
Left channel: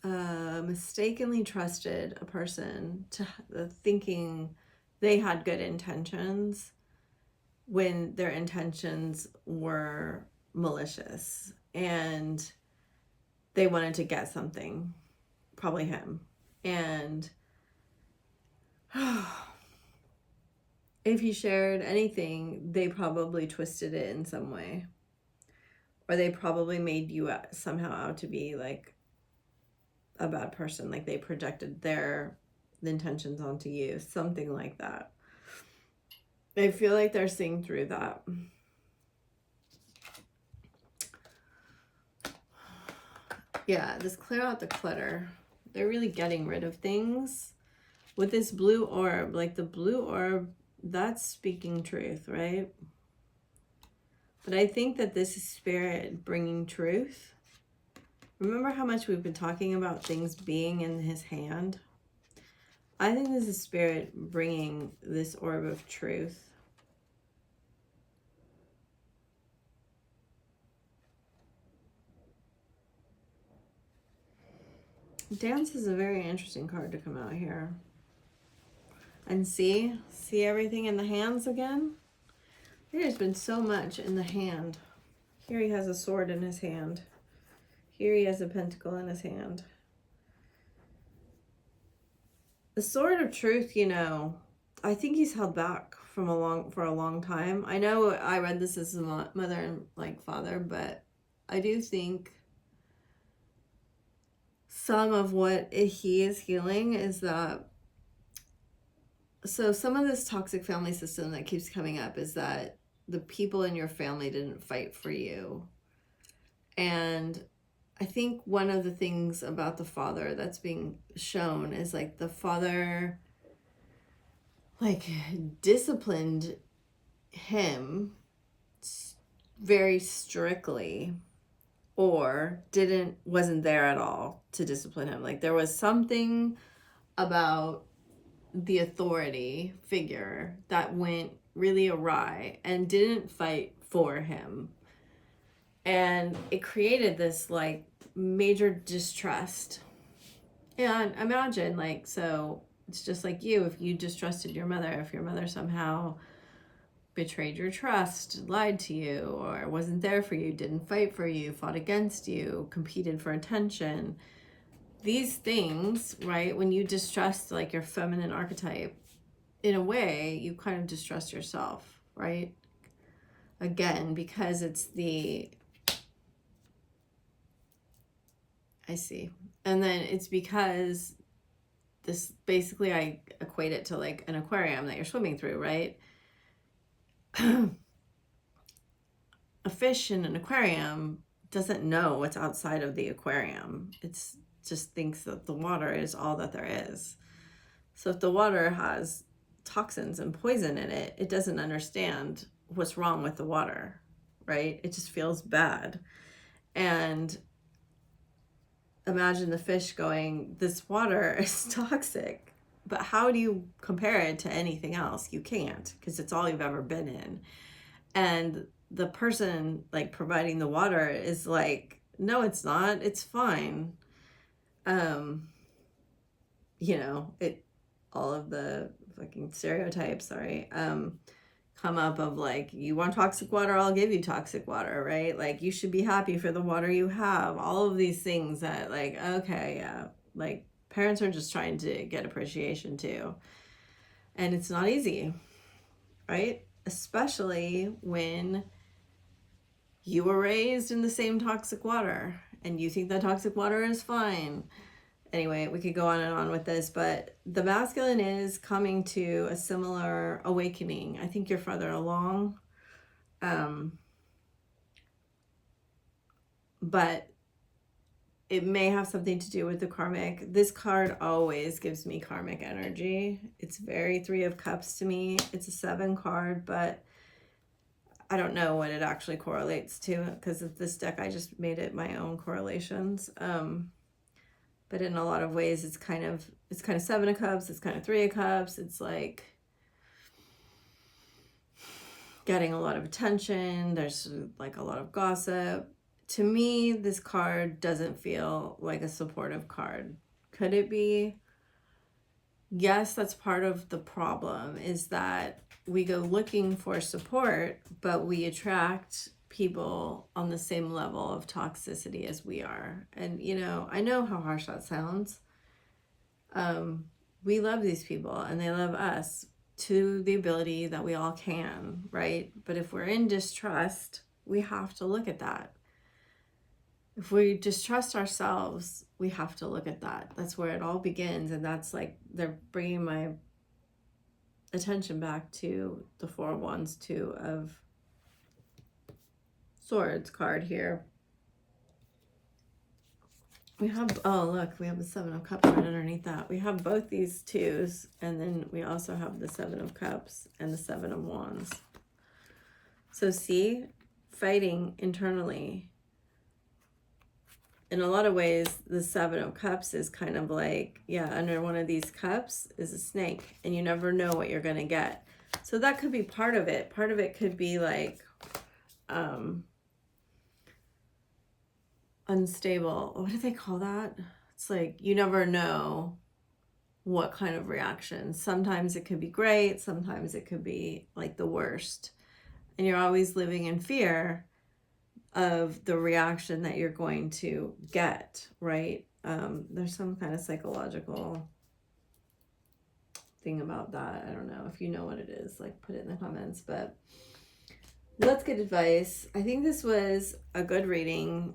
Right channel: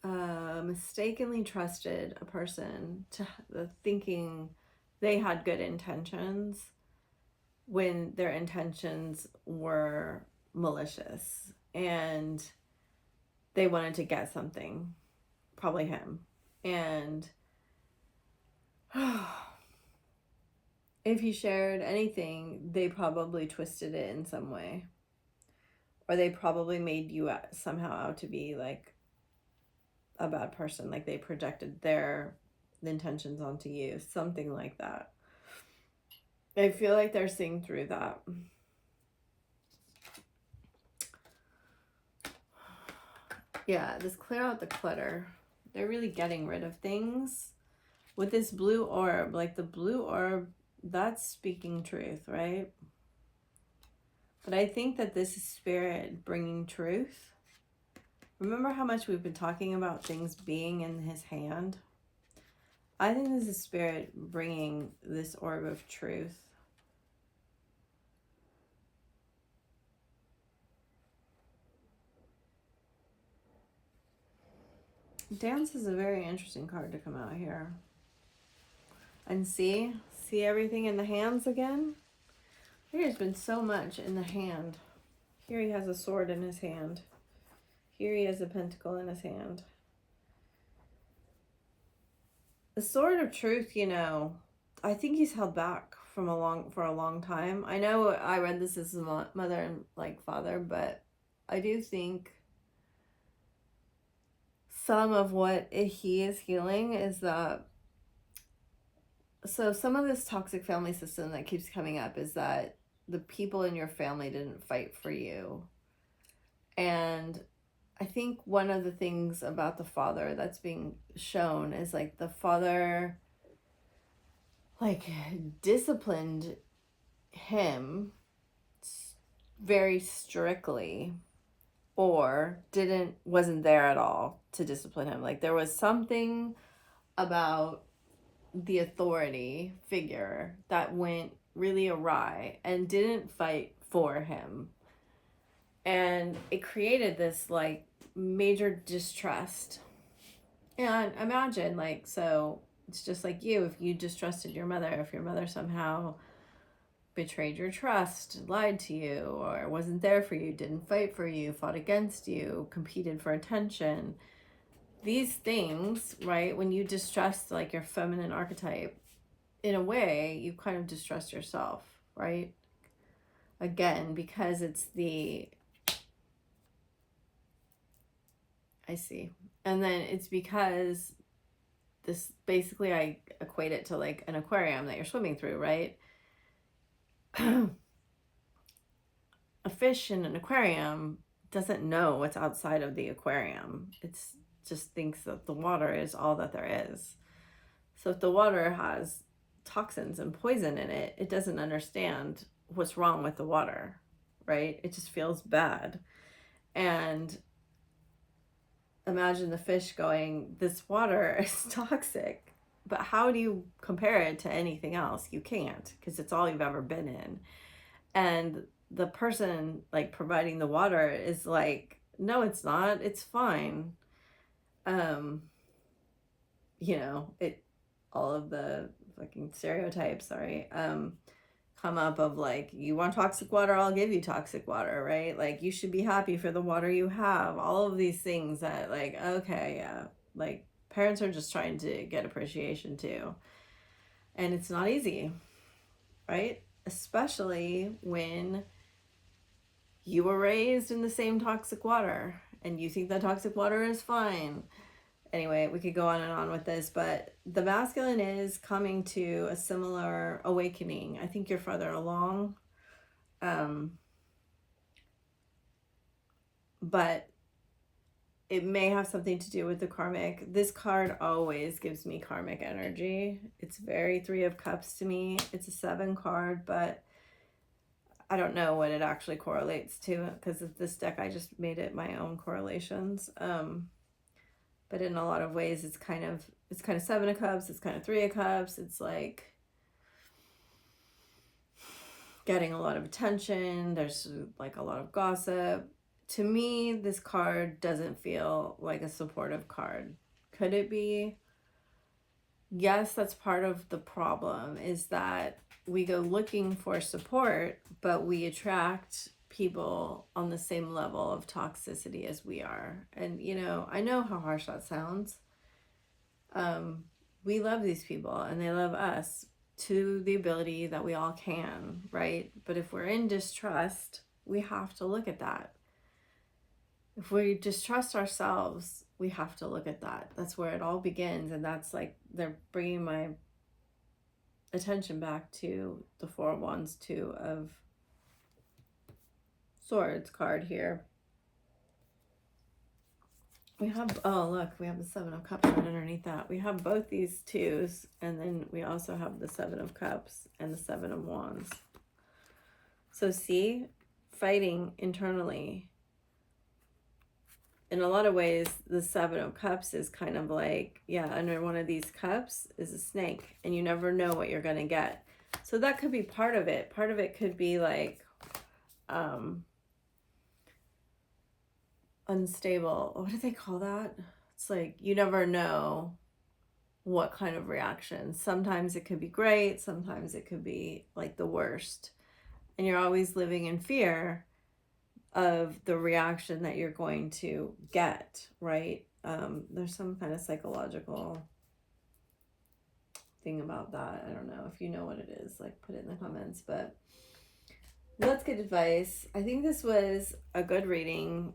mistakenly trusted a person to thinking they had good intentions when their intentions were malicious and they wanted to get something, probably him. And if he shared anything, they probably twisted it in some way, or they probably made you somehow out to be like a bad person, like they projected their intentions onto you, something like that. I feel like they're seeing through that. Yeah, just clear out the clutter. They're really getting rid of things. With this blue orb, like the blue orb, that's speaking truth, right? But I think that this is spirit bringing truth. Remember how much we've been talking about things being in his hand? I think this is spirit bringing this orb of truth. Dance is a very interesting card to come out here. And see everything in the hands again? There's been so much in the hand. Here he has a sword in his hand. Here he has a pentacle in his hand. The sword of truth, you know, I think he's held back for a long time. I know I read this as a mother and like father, but I do think some of what he is healing is that, so some of this toxic family system that keeps coming up is that the people in your family didn't fight for you. And I think one of the things about the father that's being shown is like the father like disciplined him very strictly, or wasn't there at all to discipline him. Like there was something about the authority figure that went really awry and didn't fight for him. And it created this like major distrust. And imagine, like, so it's just like you, if you distrusted your mother, if your mother somehow betrayed your trust, lied to you, or wasn't there for you, didn't fight for you, fought against you, competed for attention. These things, right, when you distrust like your feminine archetype, in a way, you kind of distrust yourself, right? Again, because it's the, I see. And then it's because this, basically I equate it to like an aquarium that you're swimming through, right? A fish in an aquarium doesn't know what's outside of the aquarium. It's just thinks that the water is all that there is. So if the water has toxins and poison in it, it doesn't understand what's wrong with the water, right? It just feels bad. And imagine the fish going, this water is toxic, but how do you compare it to anything else? You can't, because it's all you've ever been in. And the person like providing the water is like, no, it's not, it's fine. You know, it, all of the fucking stereotypes, come up of like, you want toxic water, I'll give you toxic water, right? Like, you should be happy for the water you have. All of these things that like, okay, yeah, like parents are just trying to get appreciation too. And it's not easy, right? Especially when you were raised in the same toxic water and you think that toxic water is fine. Anyway, we could go on and on with this, but the masculine is coming to a similar awakening. I think you're farther along. But it may have something to do with the karmic. This card always gives me karmic energy. It's very 3 of Cups to me. It's a 7 card, but I don't know what it actually correlates to, because of this deck, I just made it my own correlations. But in a lot of ways, it's kind of 7 of Cups. It's kind of 3 of Cups. It's like getting a lot of attention. There's like a lot of gossip. To me, this card doesn't feel like a supportive card. Could it be? Yes, that's part of the problem, is that we go looking for support, but we attract people on the same level of toxicity as we are. And, you know, I know how harsh that sounds. We love these people and they love us to the ability that we all can, right? But if we're in distrust, we have to look at that. If we distrust ourselves, we have to look at that. That's where it all begins. And that's like, they're bringing my attention back to the 4 of Wands, 2 of Swords card here. We have, oh look, we have the 7 of Cups right underneath that. We have both these 2s, and then we also have the 7 of Cups and the 7 of Wands. So see, fighting internally. In a lot of ways, the 7 of Cups is kind of like, yeah, under one of these cups is a snake, and you never know what you're going to get. So that could be part of it. Part of it could be like, unstable. What do they call that? It's like, you never know what kind of reaction. Sometimes it could be great. Sometimes it could be like the worst. And you're always living in fear of the reaction that you're going to get, right? There's some kind of psychological thing about that. I don't know if you know what it is, like put it in the comments, but let's get advice. I think this was a good reading.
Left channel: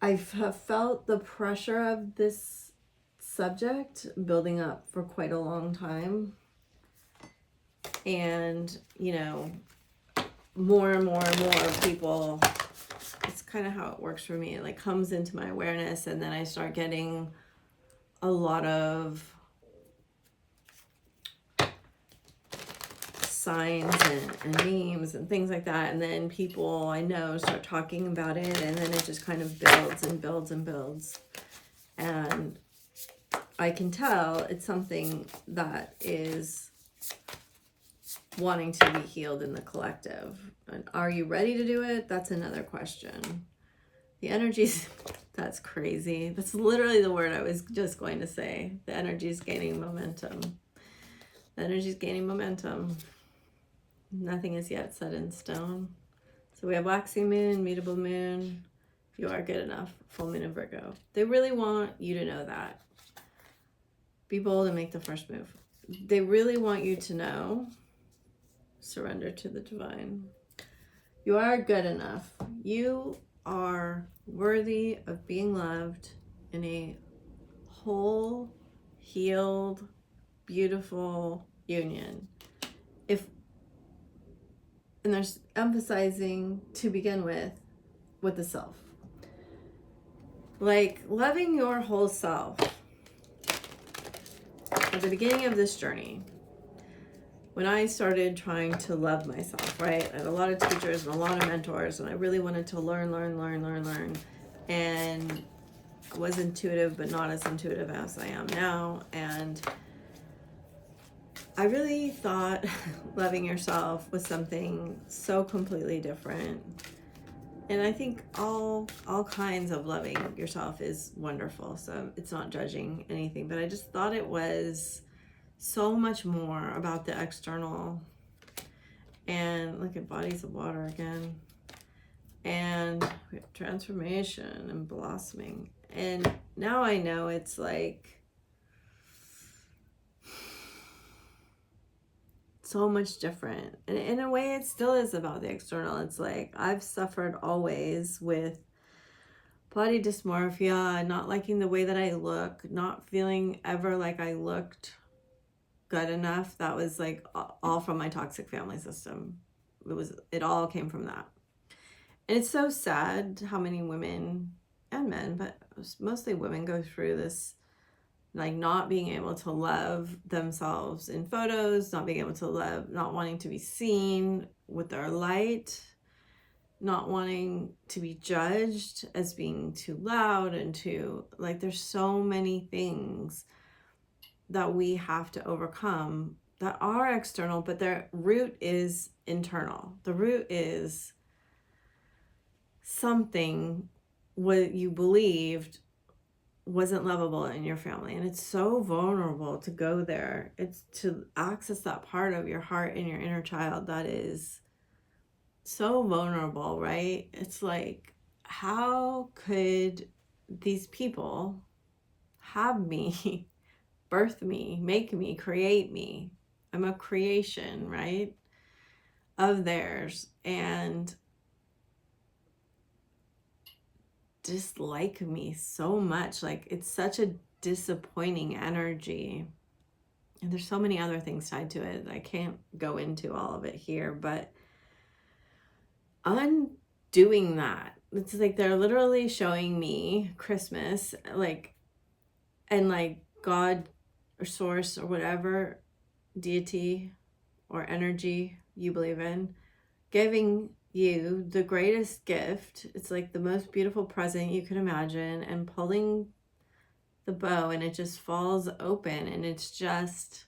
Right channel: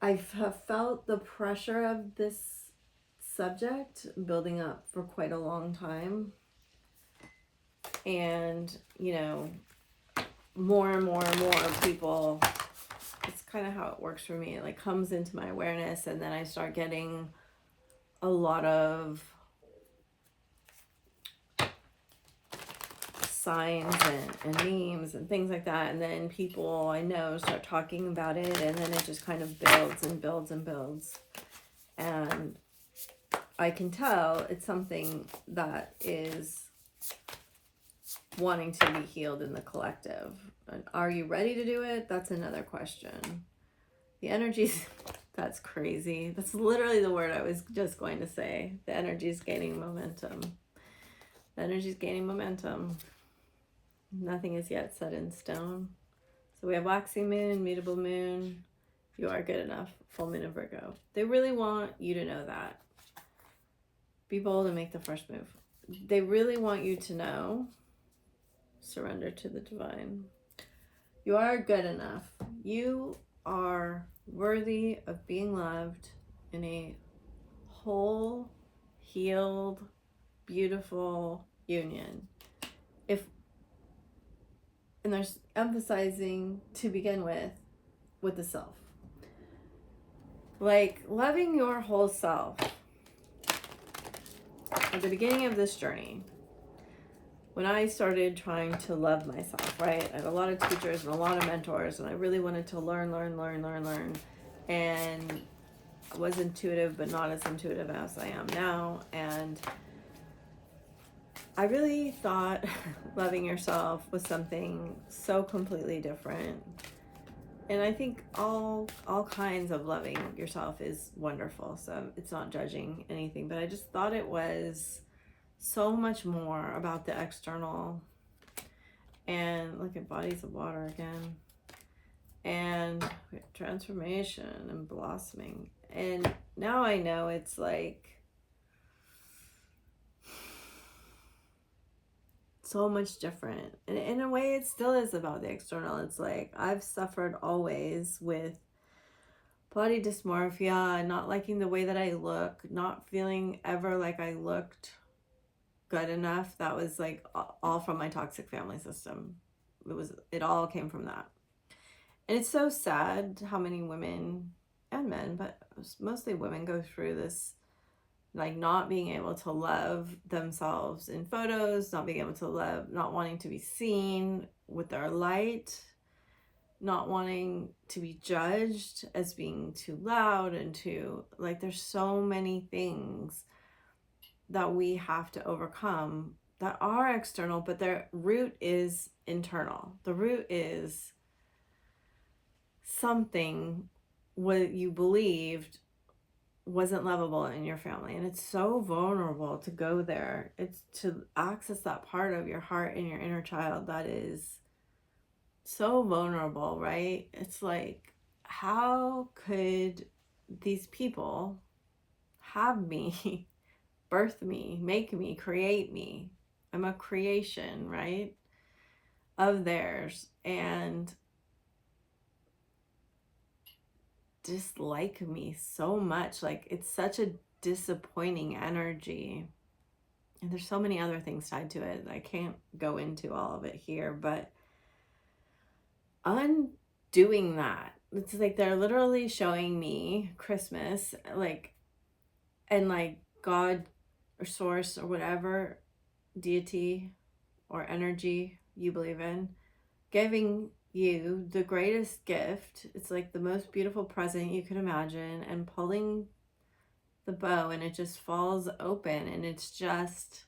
I've felt the pressure of this subject building up for quite a long time. And, you know, more and more and more people, it's kind of how it works for me. It like comes into my awareness, and then I start getting a lot of signs and memes and things like that, and then people I know start talking about it, and then it just kind of builds and builds and builds, and I can tell it's something that is wanting to be healed in the collective. And are you ready to do it? That's another question. The energies, that's crazy. That's literally the word I was just going to say. The energy is gaining momentum. The energy is gaining momentum. Nothing is yet set in stone. So we have waxing moon, mutable moon. You are good enough. Full moon in Virgo. They really want you to know that. Be bold and make the first move. They really want you to know. Surrender to the divine. You are good enough. You are worthy of being loved in a whole, healed, beautiful union. And there's emphasizing to begin with the self. Like loving your whole self. At the beginning of this journey, when I started trying to love myself, right? I had a lot of teachers and a lot of mentors, and I really wanted to learn. And I was intuitive, but not as intuitive as I am now. And I really thought loving yourself was something so completely different. And I think all kinds of loving yourself is wonderful. So it's not judging anything, but I just thought it was so much more about the external. And look at bodies of water again. And transformation and blossoming. And now I know it's like so much different. And in a way, it still is about the external. It's like I've suffered always with body dysmorphia, not liking the way that I look, not feeling ever like I looked good enough. That was like all from my toxic family system. It all came from that. And it's so sad how many women and men, but mostly women, go through this, like not being able to love themselves in photos, not being able to love, not wanting to be seen with their light, not wanting to be judged as being too loud and too, like there's so many things that we have to overcome that are external, but their root is internal. The root is something what you believed wasn't lovable in your family. And it's so vulnerable to go there. It's to access that part of your heart and your inner child that is so vulnerable, right? It's like, how could these people have me, birth me, make me, create me? I'm a creation, right, of theirs, and dislike me so much. Like it's such a disappointing energy. And there's so many other things tied to it. I can't go into all of it here, but undoing that, it's like they're literally showing me Christmas, like, and like God or source or whatever deity or energy you believe in, giving you the greatest gift. It's like the most beautiful present you could imagine, and pulling the bow and it just falls open and it's just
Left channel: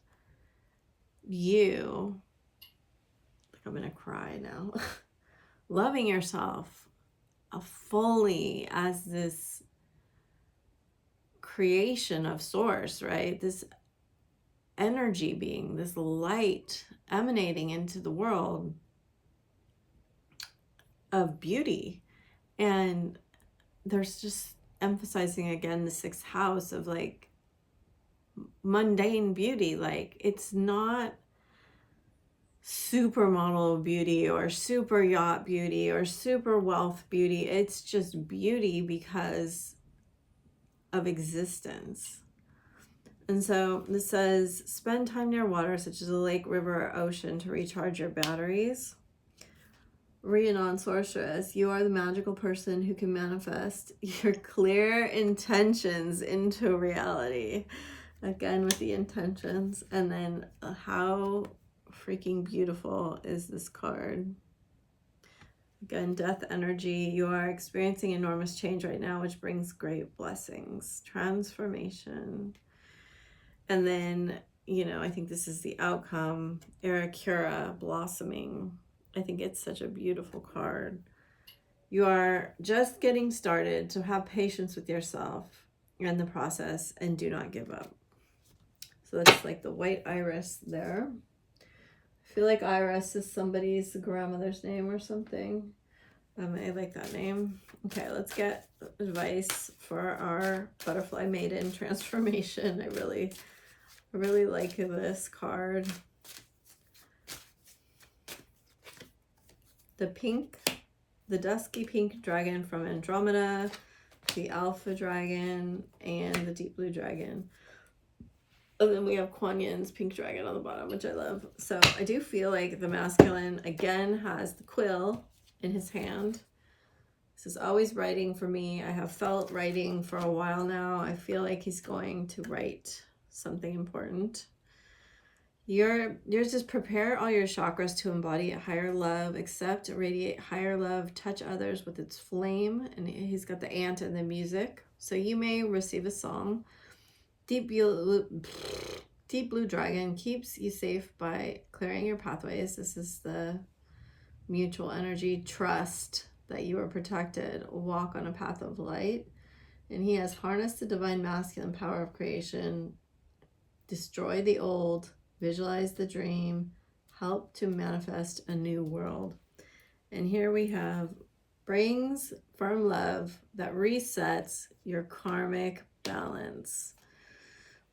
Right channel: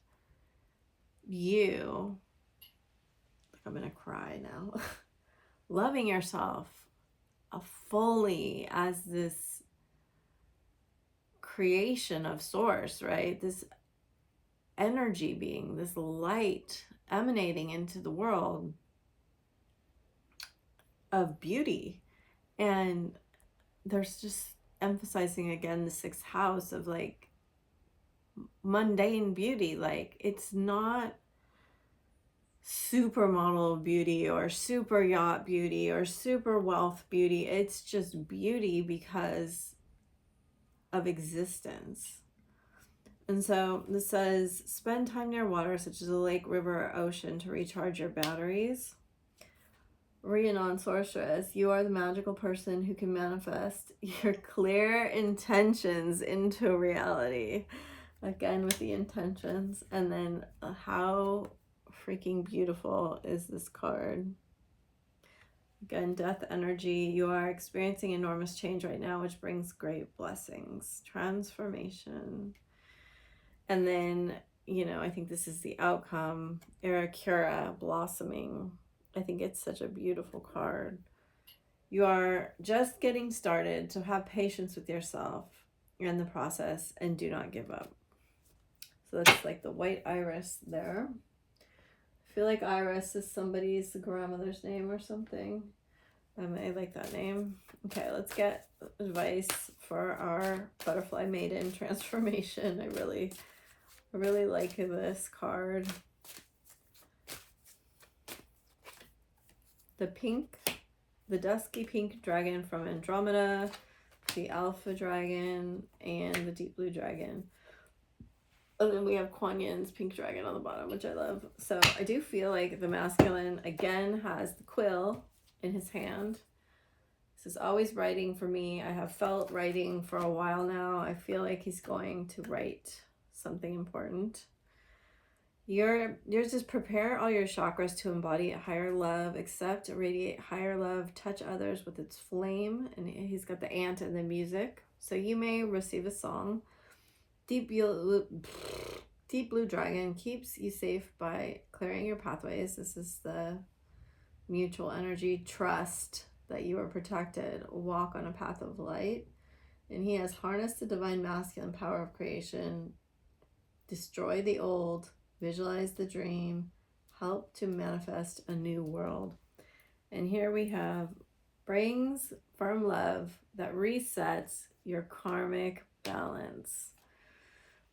you. Like I'm gonna cry now. Loving yourself fully as this creation of source, right? This energy being, this light emanating into the world of beauty. And there's just emphasizing again the sixth house of like mundane beauty. Like it's not supermodel beauty or super yacht beauty or super wealth beauty. It's just beauty because of existence. And so this says, spend time near water such as a lake, river, or ocean to recharge your batteries. Rhiannon Sorceress, you are the magical person who can manifest your clear intentions into reality. Again with the intentions. And then how freaking beautiful is this card? Again, death energy. You are experiencing enormous change right now, which brings great blessings. Transformation. And then you know, I think this is the outcome. Arakira, blossoming. I think it's such a beautiful card. You are just getting started, so have patience with yourself and the process and do not give up. So that's like the white iris there. I feel like Iris is somebody's grandmother's name or something. I like that name. Okay, let's get advice for our butterfly maiden transformation. I really like this card. The pink, the dusky pink dragon from Andromeda, the alpha dragon, and the deep blue dragon. And then we have Kuan Yin's pink dragon on the bottom, which I love. So I do feel like the masculine, again, has the quill in his hand. This is always writing for me. I have felt writing for a while now. I feel like he's going to write something important. Yours just prepare all your chakras to embody a higher love, accept, radiate higher love, touch others with its flame. And he's got the ant and the music. So you may receive a song. Deep blue dragon keeps you safe by clearing your pathways. This is the mutual energy, trust that you are protected. Walk on a path of light. And he has harnessed the divine masculine power of creation. Destroy the old. Visualize the dream. Help to manifest a new world. And here we have brings firm love that resets your karmic balance.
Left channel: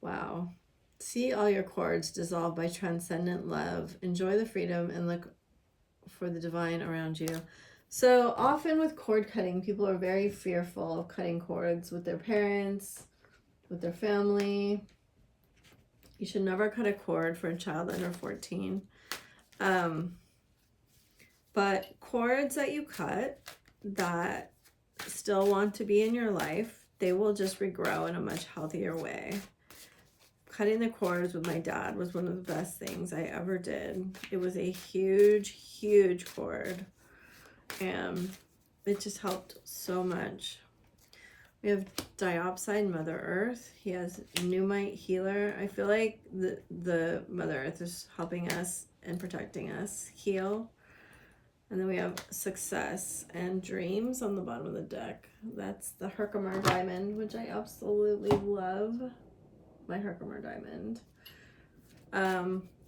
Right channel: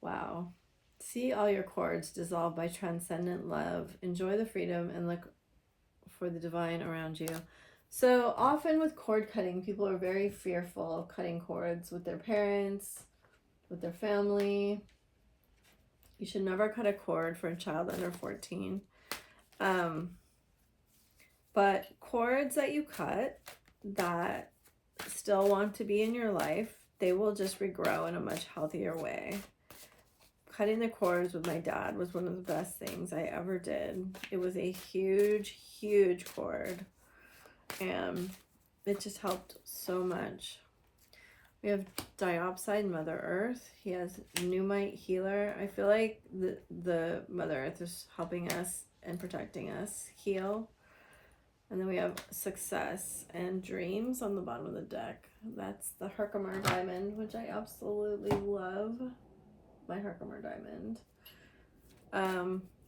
Wow. See all your cords dissolve by transcendent love. Enjoy the freedom and look for the divine around you. So often with cord cutting, people are very fearful of cutting cords with their parents, with their family. You should never cut a cord for a child under 14. But cords that you cut that still want to be in your life, they will just regrow in a much healthier way. Cutting the cords with my dad was one of the best things I ever did. It was a huge, huge cord. And it just helped so much. We have Diopside, Mother Earth. He has Pneumite, Healer. I feel like the Mother Earth is helping us and protecting us heal. And then we have Success and Dreams on the bottom of the deck. That's the Herkimer Diamond, which I absolutely love. My Herkimer Diamond.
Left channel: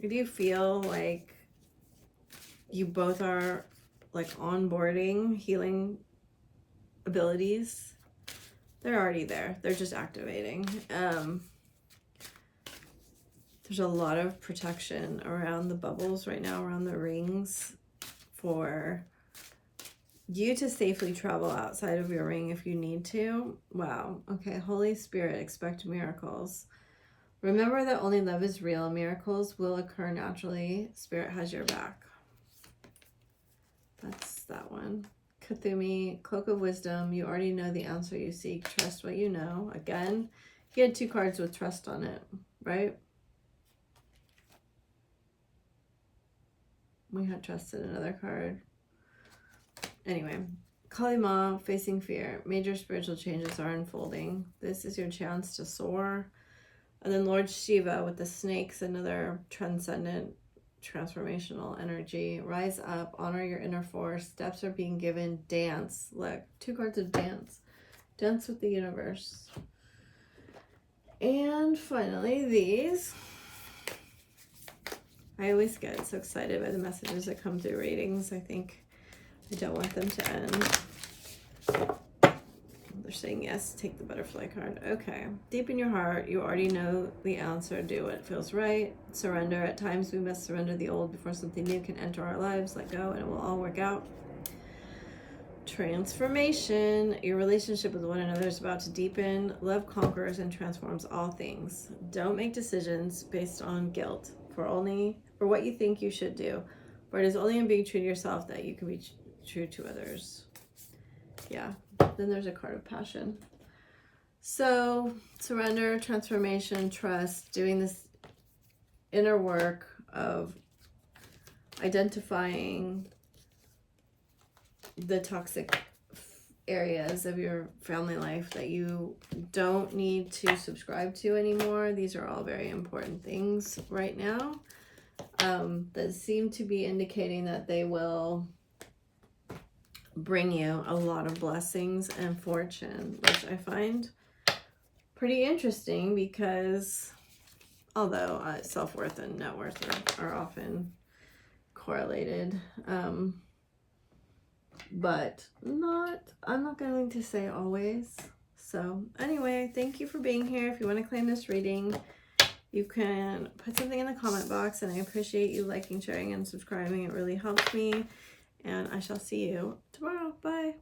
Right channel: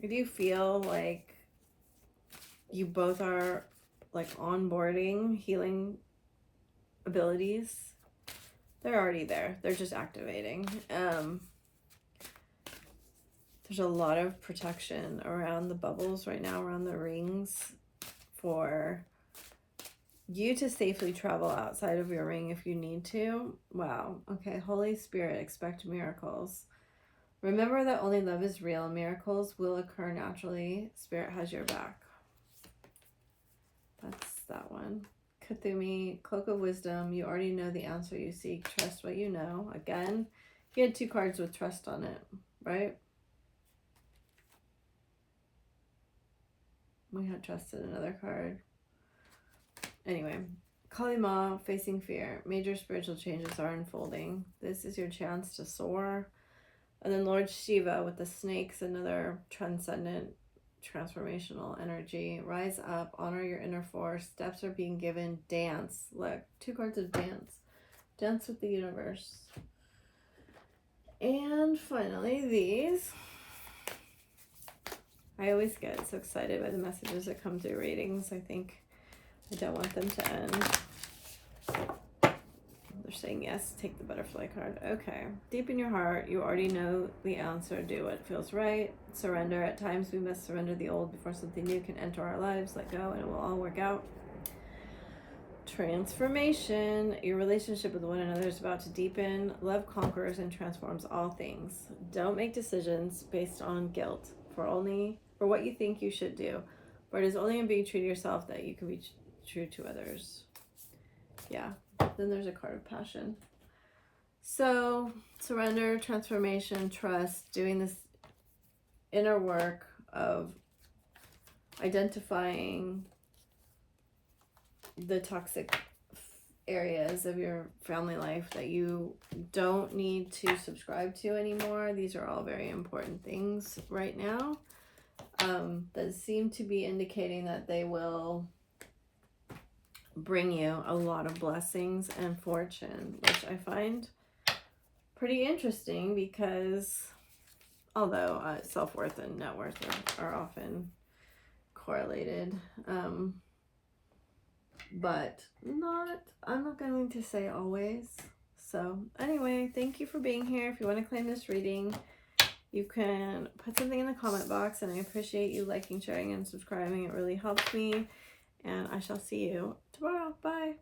If you feel like you both are like onboarding healing abilities, they're already there. They're just activating. There's a lot of protection around the bubbles right now, around the rings, for you to safely travel outside of your ring if you need to. Wow. Okay. Holy Spirit, expect miracles. Remember that only love is real. Miracles will occur naturally. Spirit has your back. That's that one. Kathumi, Cloak of Wisdom. You already know the answer you seek. Trust what you know. Again, he had 2 cards with trust on it, right? We had trust in another card. Anyway, Kalima, Facing Fear. Major spiritual changes are unfolding. This is your chance to soar. And then Lord Shiva with the snakes, another transcendent, transformational energy. Rise up, honor your inner force. Steps are being given. Dance. Look, 2 cards of dance. Dance with the universe. And finally, these. I always get so excited by the messages that come through readings. I think I don't want them to end. They're saying yes, take the butterfly card. Okay. Deep in your heart, you already know the answer. Do what feels right. Surrender. At times we must surrender the old before something new can enter our lives. Let go and it will all work out. Transformation. Your relationship with one another is about to deepen. Love conquers and transforms all things. Don't make decisions based on guilt for what you think you should do. For it is only in being true to yourself that you can be true to others. Yeah. Then there's a card of passion. So surrender, transformation, trust, doing this inner work of identifying the toxic areas of your family life that you don't need to subscribe to anymore. These are all very important things right now that seem to be indicating that they will bring you a lot of blessings and fortune, which I find pretty interesting because although self-worth and net worth are often correlated, but I'm not going to say always. So anyway, thank you for being here. If you want to claim this reading, you can put something in the comment box, and I appreciate you liking, sharing, and subscribing. It really helps me, and I shall see you tomorrow. Bye.